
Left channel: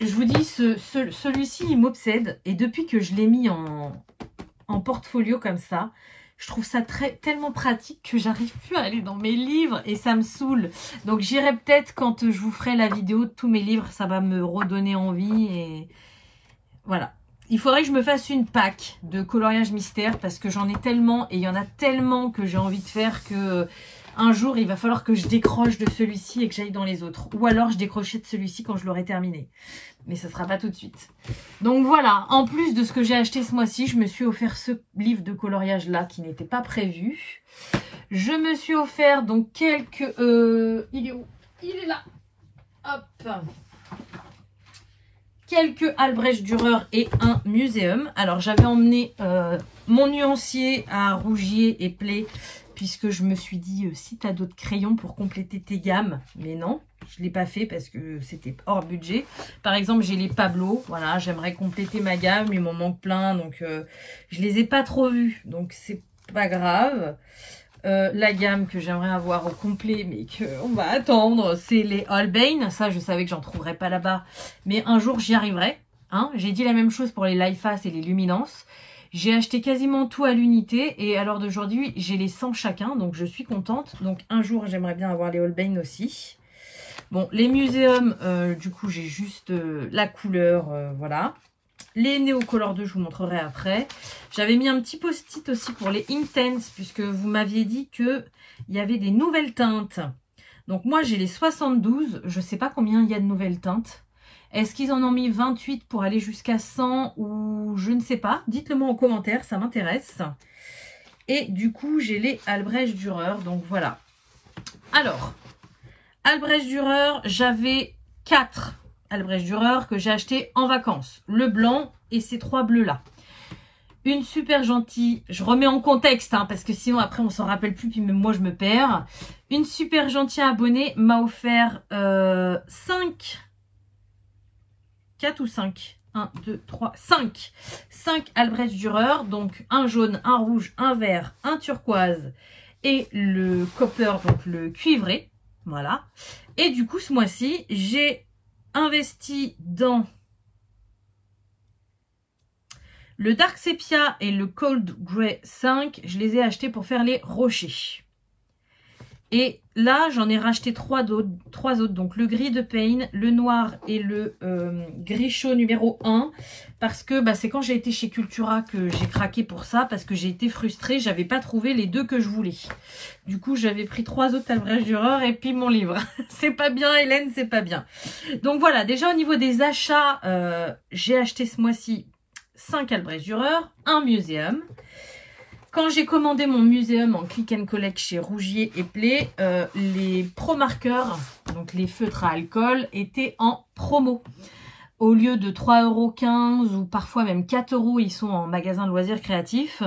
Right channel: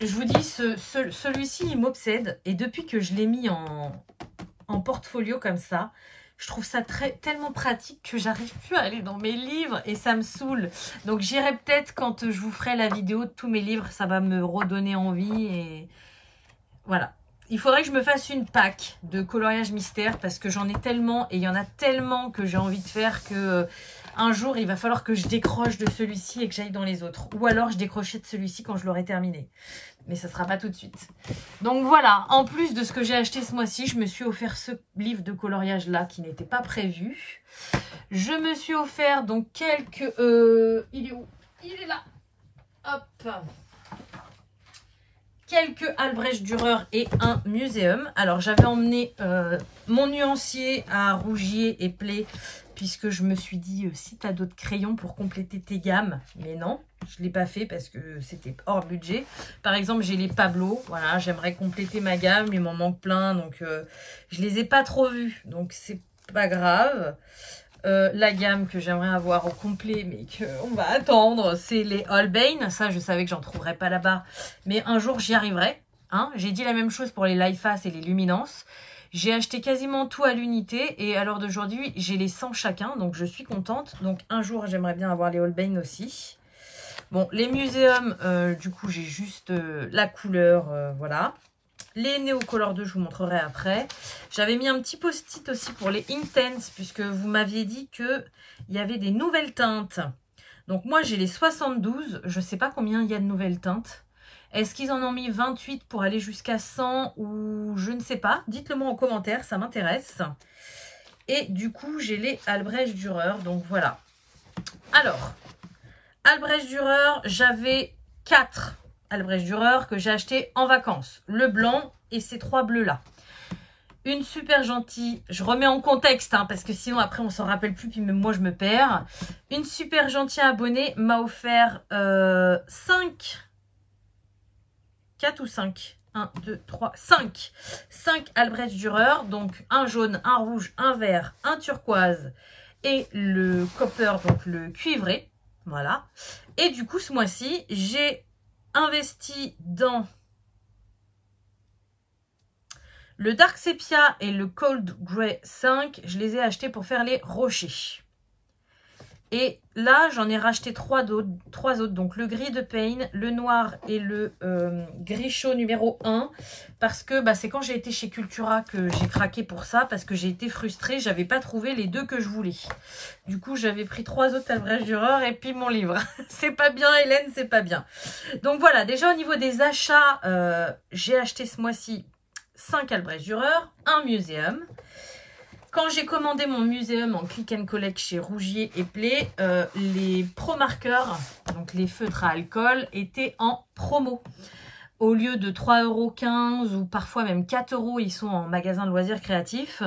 je vous dis, celui-ci, il m'obsède. Et depuis que je l'ai mis en portfolio comme ça, je trouve ça tellement pratique que j'arrive plus à aller dans mes livres et ça me saoule. Donc j'irai peut-être quand je vous ferai la vidéo de tous mes livres, ça va me redonner envie et voilà. Il faudrait que je me fasse une pack de coloriage mystère parce que j'en ai tellement et il y en a tellement que j'ai envie de faire que un jour il va falloir que je décroche de celui-ci et que j'aille dans les autres. Ou alors je décrocherai de celui-ci quand je l'aurai terminé. Mais ça ne sera pas tout de suite. Donc voilà, en plus de ce que j'ai acheté ce mois-ci, je me suis offert ce livre de coloriage là qui n'était pas prévu. Je me suis offert donc quelques... il est où? Il est là. Hop. Quelques Albrecht Dürer et un muséum. Alors j'avais emmené mon nuancier à Rougier et Play puisque je me suis dit si tu as d'autres crayons pour compléter tes gammes. Mais non, je ne l'ai pas fait parce que c'était hors budget. Par exemple, j'ai les Pablo. Voilà, j'aimerais compléter ma gamme. Il m'en manque plein. Donc je les ai pas trop vus. Donc c'est pas grave. La gamme que j'aimerais avoir au complet, mais qu'on va attendre, c'est les Holbein. Ça, je savais que j'en trouverais pas là-bas, mais un jour, j'y arriverai. Hein, j'ai dit la même chose pour les Life-Face et les Luminance. J'ai acheté quasiment tout à l'unité, et à l'heure d'aujourd'hui, j'ai les 100 chacun, donc je suis contente. Donc un jour, j'aimerais bien avoir les Holbein aussi. Bon, les muséums, du coup, j'ai juste la couleur, voilà. Les Neocolor 2, je vous montrerai après. J'avais mis un petit post-it aussi pour les Intense, puisque vous m'aviez dit qu'il y avait des nouvelles teintes. Donc moi, j'ai les 72. Je ne sais pas combien il y a de nouvelles teintes. Est-ce qu'ils en ont mis 28 pour aller jusqu'à 100 ou je ne sais pas? Dites-le moi en commentaire, ça m'intéresse. Et du coup, j'ai les Albrecht Dürer. Donc voilà. Alors, Albrecht Dürer, j'avais 4 Albrecht Dürer que j'ai acheté en vacances. Le blanc et ces 3 bleus là. Une super gentille, je remets en contexte hein, parce que sinon après on s'en rappelle plus puis même moi je me perds. Une super gentille abonnée m'a offert 4 ou 5 1, 2, 3, 5 Albrecht Dürer, donc un jaune, un rouge, un vert, un turquoise et le copper, donc le cuivré. Voilà. Et du coup ce mois-ci j'ai investi dans le Dark Sepia et le Cold Grey 5. Je les ai achetés pour faire les rochers. Et là, j'en ai racheté 3 autres. Donc le gris de Payne, le noir et le gris chaud numéro 1. Parce que bah, c'est quand j'ai été chez Cultura que j'ai craqué pour ça. Parce que j'ai été frustrée. J'avais pas trouvé les 2 que je voulais. Du coup, j'avais pris 3 autres Albrecht Dürer et puis mon livre. C'est pas bien, Hélène, c'est pas bien. Donc voilà, déjà au niveau des achats, j'ai acheté ce mois-ci 5 Albrecht Dürer, un muséum. Quand j'ai commandé mon muséum en click and collect chez Rougier et Play, les pro marqueurs, donc les feutres à alcool, étaient en promo. Au lieu de 3,15 € ou parfois même 4 €, ils sont en magasin de loisirs créatifs,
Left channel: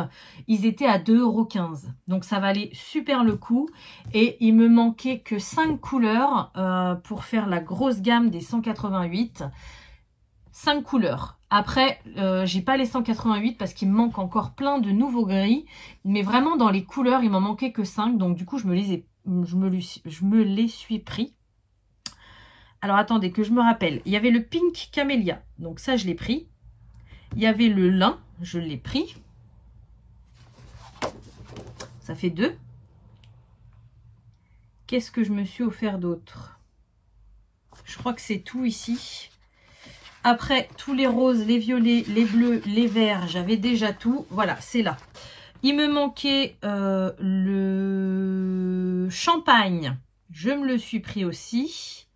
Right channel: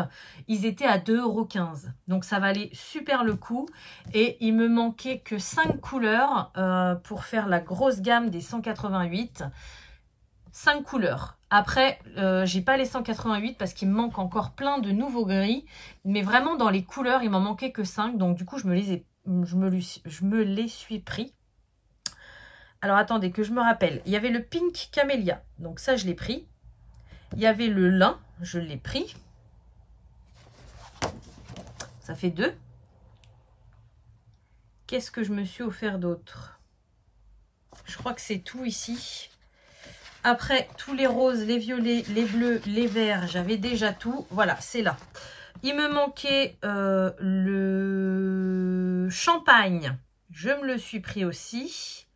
ils étaient à 2,15 €. Donc ça valait super le coup. Et il me manquait que 5 couleurs pour faire la grosse gamme des 188. 5 couleurs. Après, j'ai pas les 188 parce qu'il me manque encore plein de nouveaux gris. Mais vraiment, dans les couleurs, il m'en manquait que 5. Donc, du coup, je me les suis pris. Alors, attendez, que je me rappelle. Il y avait le Pink Camélia. Donc, ça, je l'ai pris. Il y avait le lin. Je l'ai pris. Ça fait 2. Qu'est-ce que je me suis offert d'autre? Je crois que c'est tout ici. Après, tous les roses, les violets, les bleus, les verts, j'avais déjà tout. Voilà, c'est là. Il me manquait le champagne. Je me le suis pris aussi.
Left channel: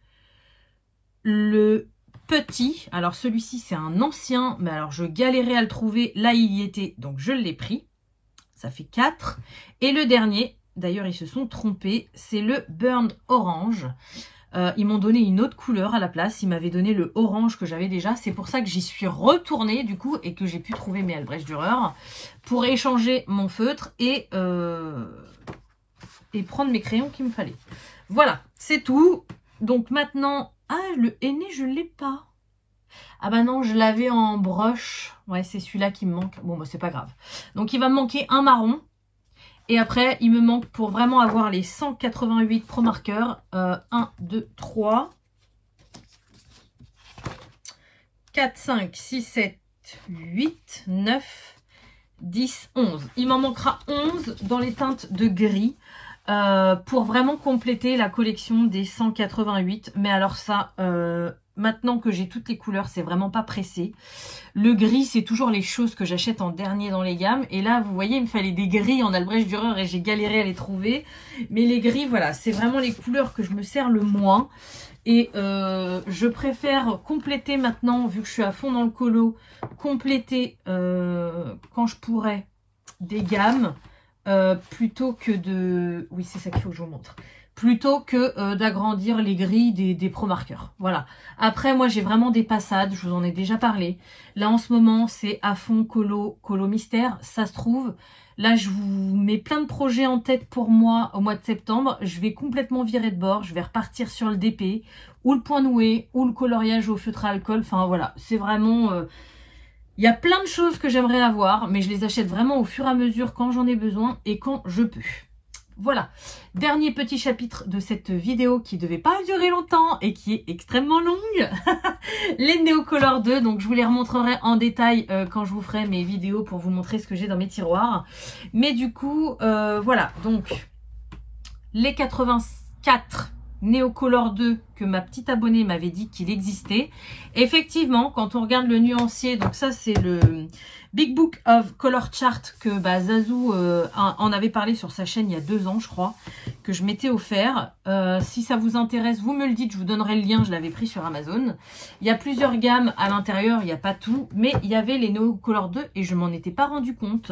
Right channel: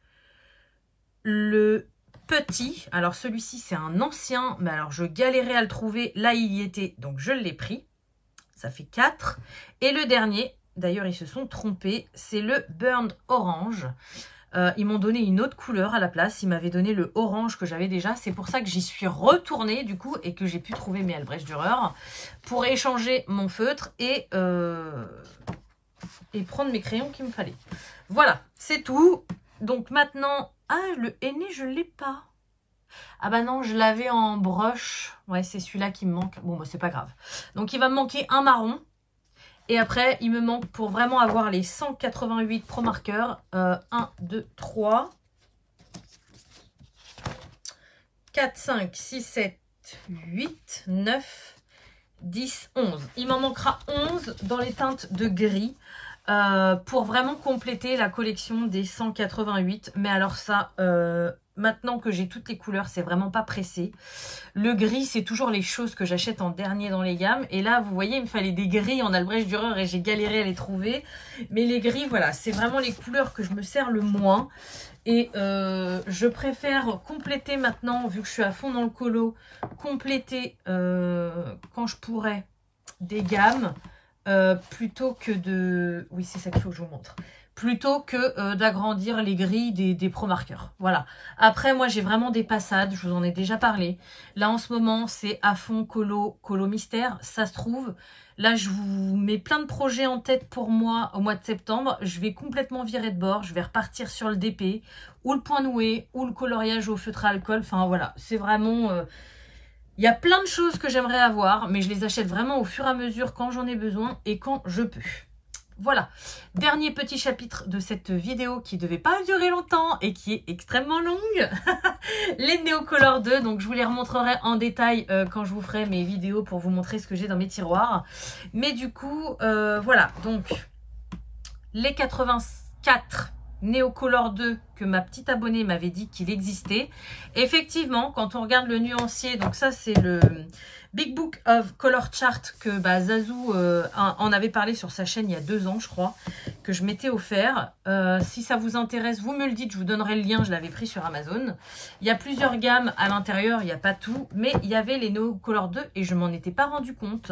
Le petit. Alors, celui-ci, c'est un ancien. Mais alors, je galérais à le trouver. Là, il y était. Donc, je l'ai pris. Ça fait 4. Et le dernier, d'ailleurs, ils se sont trompés. C'est le Burned Orange. Ils m'ont donné une autre couleur à la place. Ils m'avaient donné le orange que j'avais déjà. C'est pour ça que j'y suis retournée du coup et que j'ai pu trouver mes Albrecht Dürer pour échanger mon feutre et prendre mes crayons qu'il me fallait. Voilà, c'est tout. Donc maintenant, ah, le henné, je ne l'ai pas. Ah bah non, je l'avais en broche. Ouais, c'est celui-là qui me manque. Bon, bah c'est pas grave. Donc il va me manquer un marron. Et après, il me manque pour vraiment avoir les 188 pro marqueurs. 1, 2, 3. 4, 5, 6, 7, 8, 9, 10, 11. Il m'en manquera 11 dans les teintes de gris pour vraiment compléter la collection des 188. Mais alors ça, maintenant que j'ai toutes les couleurs, c'est vraiment pas pressé. Le gris, c'est toujours les choses que j'achète en dernier dans les gammes. Et là, vous voyez, il me fallait des gris en Albrecht Dürer et j'ai galéré à les trouver. Mais les gris, voilà, c'est vraiment les couleurs que je me sers le moins. Et je préfère compléter maintenant, vu que je suis à fond dans le colo, compléter quand je pourrais des gammes plutôt que de... Oui, c'est ça qu'il faut que je vous montre. Plutôt que d'agrandir les grilles des pro marqueurs. Voilà. Après, moi, j'ai vraiment des passades. Je vous en ai déjà parlé. Là, en ce moment, c'est à fond colo mystère. Ça se trouve. Là, je vous mets plein de projets en tête pour moi au mois de septembre. Je vais complètement virer de bord. Je vais repartir sur le DP ou le point noué ou le coloriage au feutre à alcool. Enfin, voilà. C'est vraiment... Il y a plein de choses que j'aimerais avoir, mais je les achète vraiment au fur et à mesure quand j'en ai besoin et quand je peux. Voilà, dernier petit chapitre de cette vidéo qui ne devait pas durer longtemps et qui est extrêmement longue. Les Neocolor 2, donc je vous les remontrerai en détail quand je vous ferai mes vidéos pour vous montrer ce que j'ai dans mes tiroirs. Mais du coup, voilà, donc les 84 Neocolor 2 que ma petite abonnée m'avait dit qu'il existait. Effectivement, quand on regarde le nuancier, donc ça c'est le Big Book of Color Chart que Zazou en avait parlé sur sa chaîne il y a 2 ans je crois, que je m'étais offert. Si ça vous intéresse, vous me le dites, je vous donnerai le lien, je l'avais pris sur Amazon. Il y a plusieurs gammes à l'intérieur, il n'y a pas tout, mais il y avait les Neocolor 2 et je m'en étais pas rendu compte.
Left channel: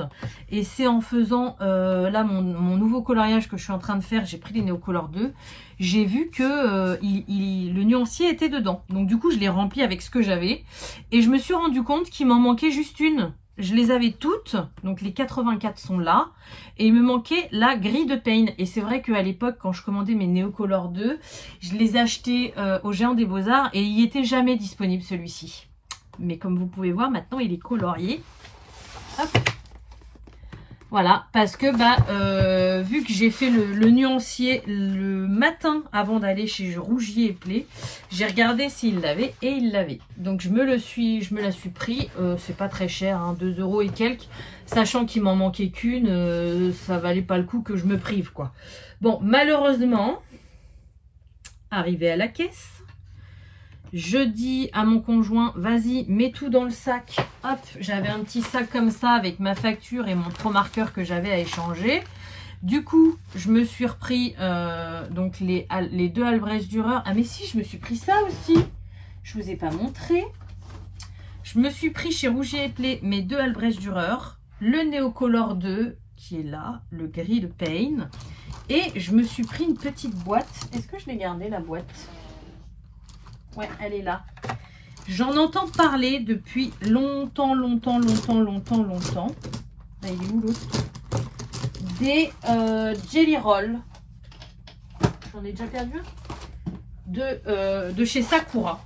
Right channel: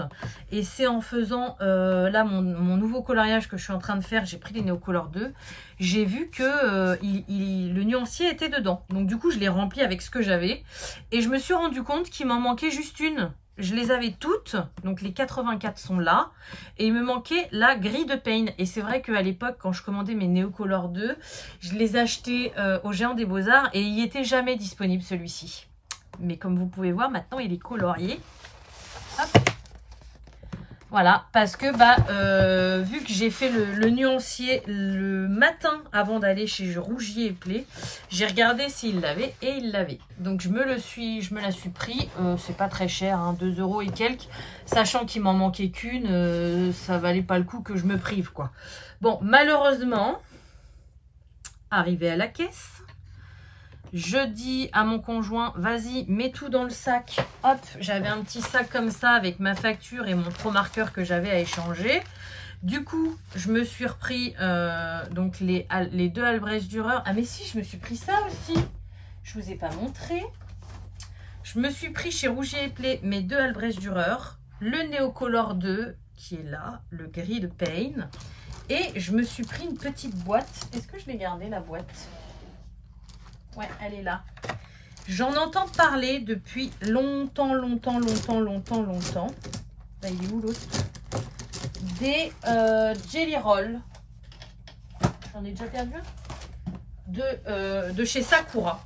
Et c'est en faisant là mon nouveau coloriage que je suis en train de faire, j'ai pris les Neocolor 2. J'ai vu que le nuancier était dedans. Donc du coup, je l'ai rempli avec ce que j'avais. Et je me suis rendu compte qu'il m'en manquait juste une. Je les avais toutes. Donc les 84 sont là. Et il me manquait la grille de Payne. Et c'est vrai qu'à l'époque, quand je commandais mes Neocolor 2, je les achetais au Géant des Beaux-Arts. Et il n'y était jamais disponible celui-ci. Mais comme vous pouvez voir, maintenant il est colorié. Hop. Voilà, parce que vu que j'ai fait le nuancier le matin avant d'aller chez Rougier et Play, j'ai regardé s'il l'avait et il l'avait. Donc je me la suis pris, c'est pas très cher, hein, 2 € et quelques, sachant qu'il m'en manquait qu'une, ça valait pas le coup que je me prive quoi. Bon, malheureusement, arrivé à la caisse, je dis à mon conjoint, vas-y, mets tout dans le sac. Hop, j'avais un petit sac comme ça avec ma facture et mon pro marqueur que j'avais à échanger. Du coup, je me suis repris donc les 2 Albrecht Dürer. Ah mais si, je me suis pris ça aussi. Je vous ai pas montré. Je me suis pris chez Rougier et Play mes 2 Albrecht Dürer. Le Neocolor 2 qui est là, le gris de Payne. Et je me suis pris une petite boîte. Est-ce que je l'ai gardée la boîte ? Ouais, elle est là. J'en entends parler depuis longtemps. Là, il est où l'autre? Des Jelly Roll. J'en ai déjà perdu de chez Sakura.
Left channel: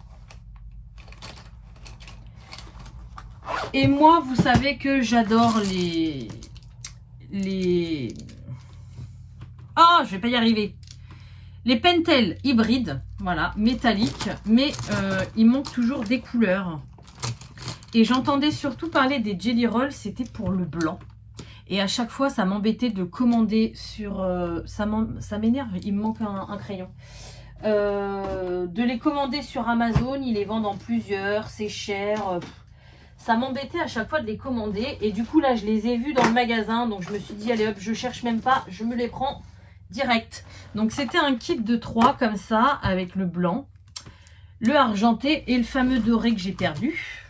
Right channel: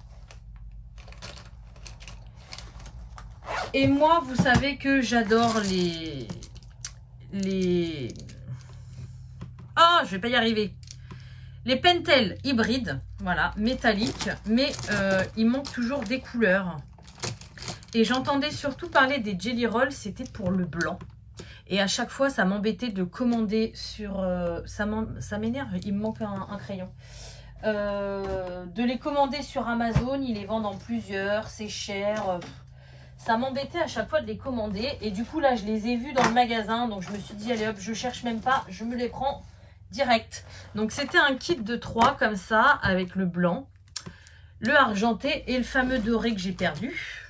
Et moi, vous savez que j'adore les... Ah, je vais pas y arriver. Les Pentel hybrides, voilà, métalliques, mais il manque toujours des couleurs. Et j'entendais surtout parler des Jelly Roll, c'était pour le blanc. Et à chaque fois, ça m'embêtait de commander sur... ça m'énerve, il me manque un crayon. De les commander sur Amazon, ils les vendent en plusieurs, c'est cher. Ça m'embêtait à chaque fois de les commander. Et du coup, là, je les ai vus dans le magasin. Donc, je me suis dit, allez hop, je cherche même pas, je me les prends direct. Donc c'était un kit de 3 comme ça avec le blanc, le argenté et le fameux doré que j'ai perdu.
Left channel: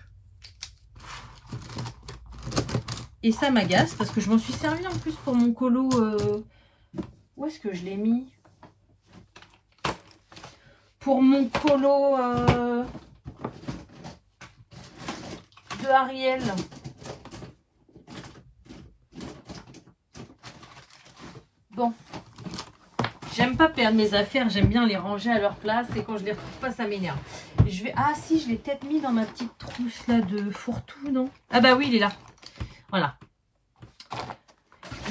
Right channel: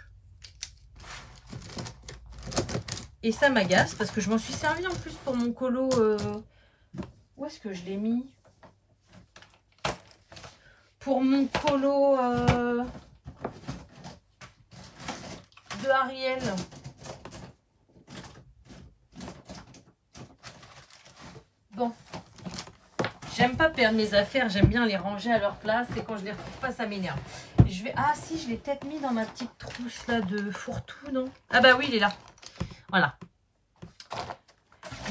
Et ça m'agace parce que je m'en suis servi en plus pour mon colo. Où est-ce que je l'ai mis? Pour mon colo de Ariel. Bon. J'aime pas perdre mes affaires, j'aime bien les ranger à leur place et quand je les retrouve pas, ça m'énerve. Je vais... Ah si, je l'ai peut-être mis dans ma petite trousse là de fourre-tout, non? Ah bah oui, il est là. Voilà.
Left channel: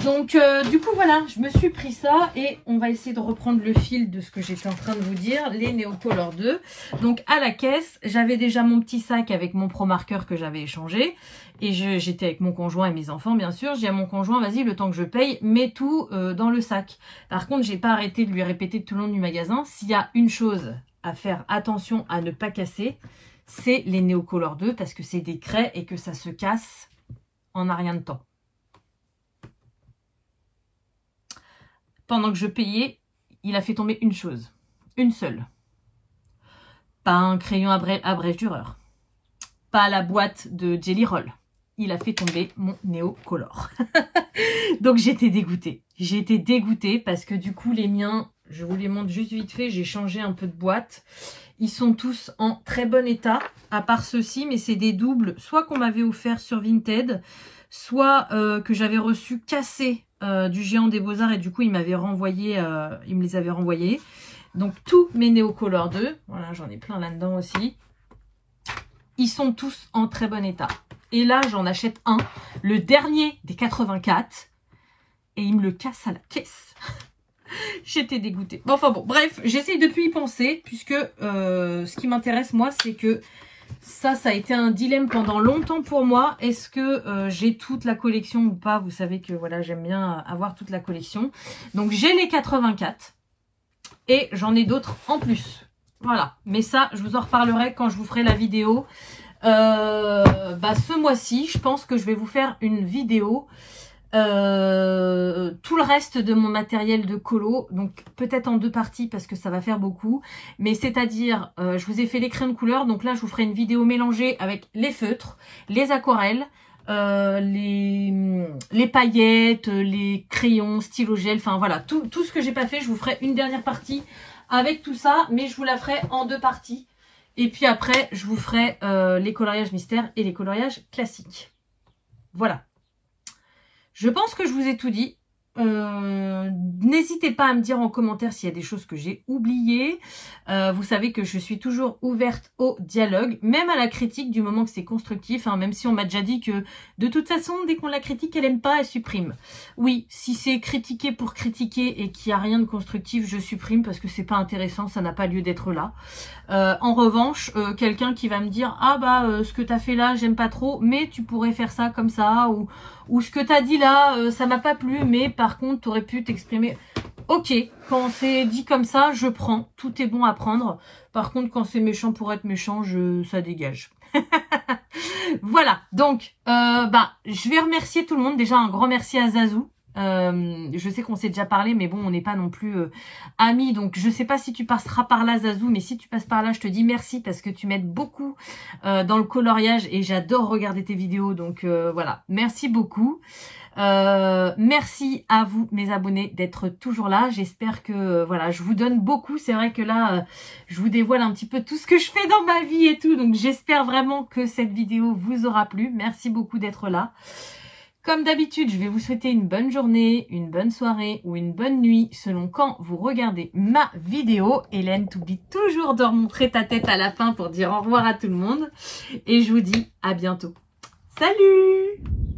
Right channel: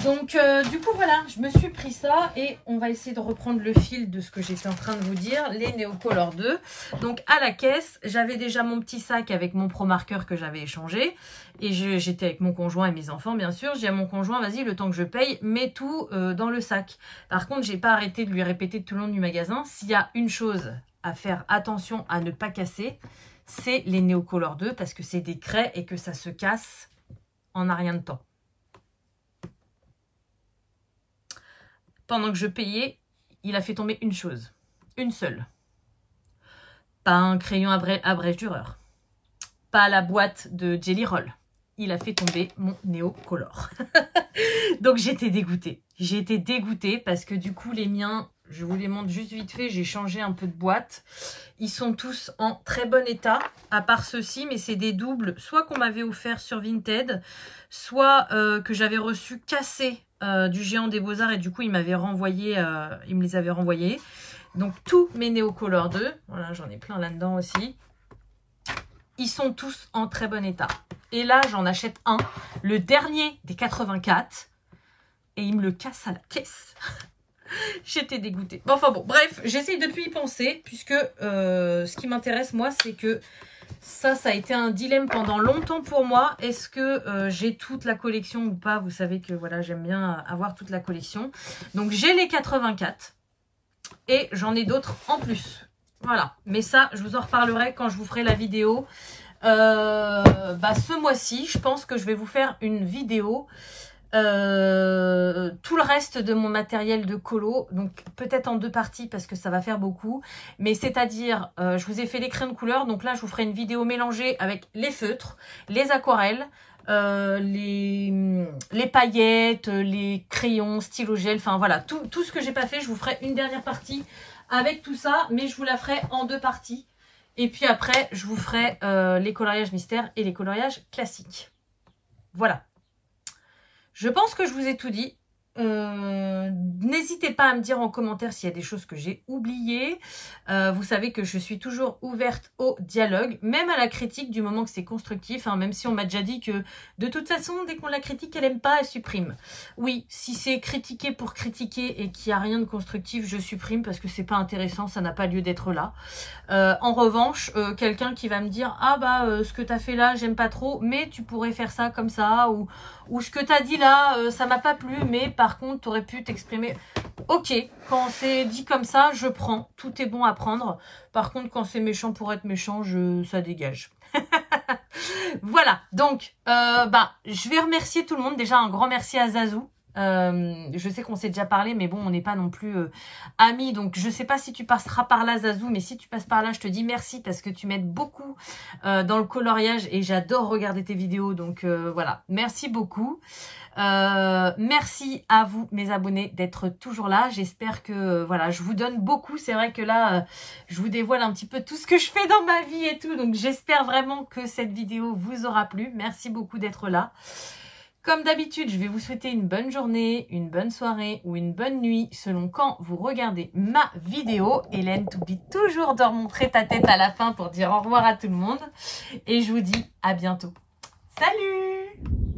Donc du coup voilà, je me suis pris ça et on va essayer de reprendre le fil de ce que j'étais en train de vous dire, les Neocolor 2. Donc à la caisse, j'avais déjà mon petit sac avec mon Pro Marker que j'avais échangé. Et j'étais avec mon conjoint et mes enfants bien sûr. J'ai dit à mon conjoint, vas-y, le temps que je paye, mets tout dans le sac. Par contre, j'ai pas arrêté de lui répéter tout le long du magasin, s'il y a une chose à faire attention à ne pas casser, c'est les Neocolor 2 parce que c'est des craies et que ça se casse en un rien de temps. Pendant que je payais, il a fait tomber une chose. Une seule. Pas un crayon à brèche dureur. Pas la boîte de Jelly Roll. Il a fait tomber mon Neocolor. Donc j'étais dégoûtée. J'ai été dégoûtée parce que du coup les miens, je vous les montre juste vite fait, j'ai changé un peu de boîte. Ils sont tous en très bon état, à part ceux-ci, mais c'est des doubles, soit qu'on m'avait offert sur Vinted, soit que j'avais reçu cassés du Géant des Beaux-Arts et du coup il m'avait renvoyé, il me les avait renvoyés. Donc tous mes Neocolor 2, voilà, j'en ai plein là-dedans aussi. Ils sont tous en très bon état. Et là, j'en achète un, le dernier des 84, et il me le casse à la caisse. J'étais dégoûtée. Bon, enfin bon, bref, j'essaye de plus y penser, puisque ce qui m'intéresse, moi, c'est que ça a été un dilemme pendant longtemps pour moi. Est-ce que j'ai toute la collection ou pas? Vous savez que voilà, j'aime bien avoir toute la collection. Donc, j'ai les 84 et j'en ai d'autres en plus. Voilà, mais ça, je vous en reparlerai quand je vous ferai la vidéo. Ce mois-ci, je pense que je vais vous faire une vidéo tout le reste de mon matériel de colo, donc peut-être en 2 parties parce que ça va faire beaucoup, mais c'est-à-dire je vous ai fait les crayons de couleur, donc là je vous ferai une vidéo mélangée avec les feutres, les aquarelles, les paillettes, les crayons, stylo gel, enfin voilà, tout ce que j'ai pas fait, je vous ferai une dernière partie avec tout ça, mais je vous la ferai en 2 parties. Et puis après, je vous ferai les coloriages mystères et les coloriages classiques. Voilà. Je pense que je vous ai tout dit. N'hésitez pas à me dire en commentaire s'il y a des choses que j'ai oubliées. Vous savez que je suis toujours ouverte au dialogue, même à la critique du moment que c'est constructif, hein, même si on m'a déjà dit que de toute façon, dès qu'on la critique, elle aime pas, elle supprime. Oui, si c'est critiquer pour critiquer et qu'il n'y a rien de constructif, je supprime parce que c'est pas intéressant, ça n'a pas lieu d'être là. En revanche, quelqu'un qui va me dire « Ah bah, ce que tu as fait là, j'aime pas trop, mais tu pourrais faire ça comme ça » ou ce que tu as dit là, ça m'a pas plu, mais par contre, tu aurais pu t'exprimer. Ok, quand c'est dit comme ça, je prends. Tout est bon à prendre. Par contre, quand c'est méchant pour être méchant, ça dégage. Voilà, donc, je vais remercier tout le monde. Déjà, un grand merci à Zazou. Je sais qu'on s'est déjà parlé, mais bon, on n'est pas non plus amis, donc je sais pas si tu passeras par là, Zazou, mais si tu passes par là, je te dis merci parce que tu m'aides beaucoup dans le coloriage et j'adore regarder tes vidéos, donc voilà, merci beaucoup. Merci à vous, mes abonnés, d'être toujours là. J'espère que voilà, je vous donne beaucoup. C'est vrai que là, je vous dévoile un petit peu tout ce que je fais dans ma vie et tout, donc j'espère vraiment que cette vidéo vous aura plu. Merci beaucoup d'être là. Comme d'habitude, je vais vous souhaiter une bonne journée, une bonne soirée ou une bonne nuit selon quand vous regardez ma vidéo. Hélène, t'oublie toujours de remontrer ta tête à la fin pour dire au revoir à tout le monde. Et je vous dis à bientôt. Salut!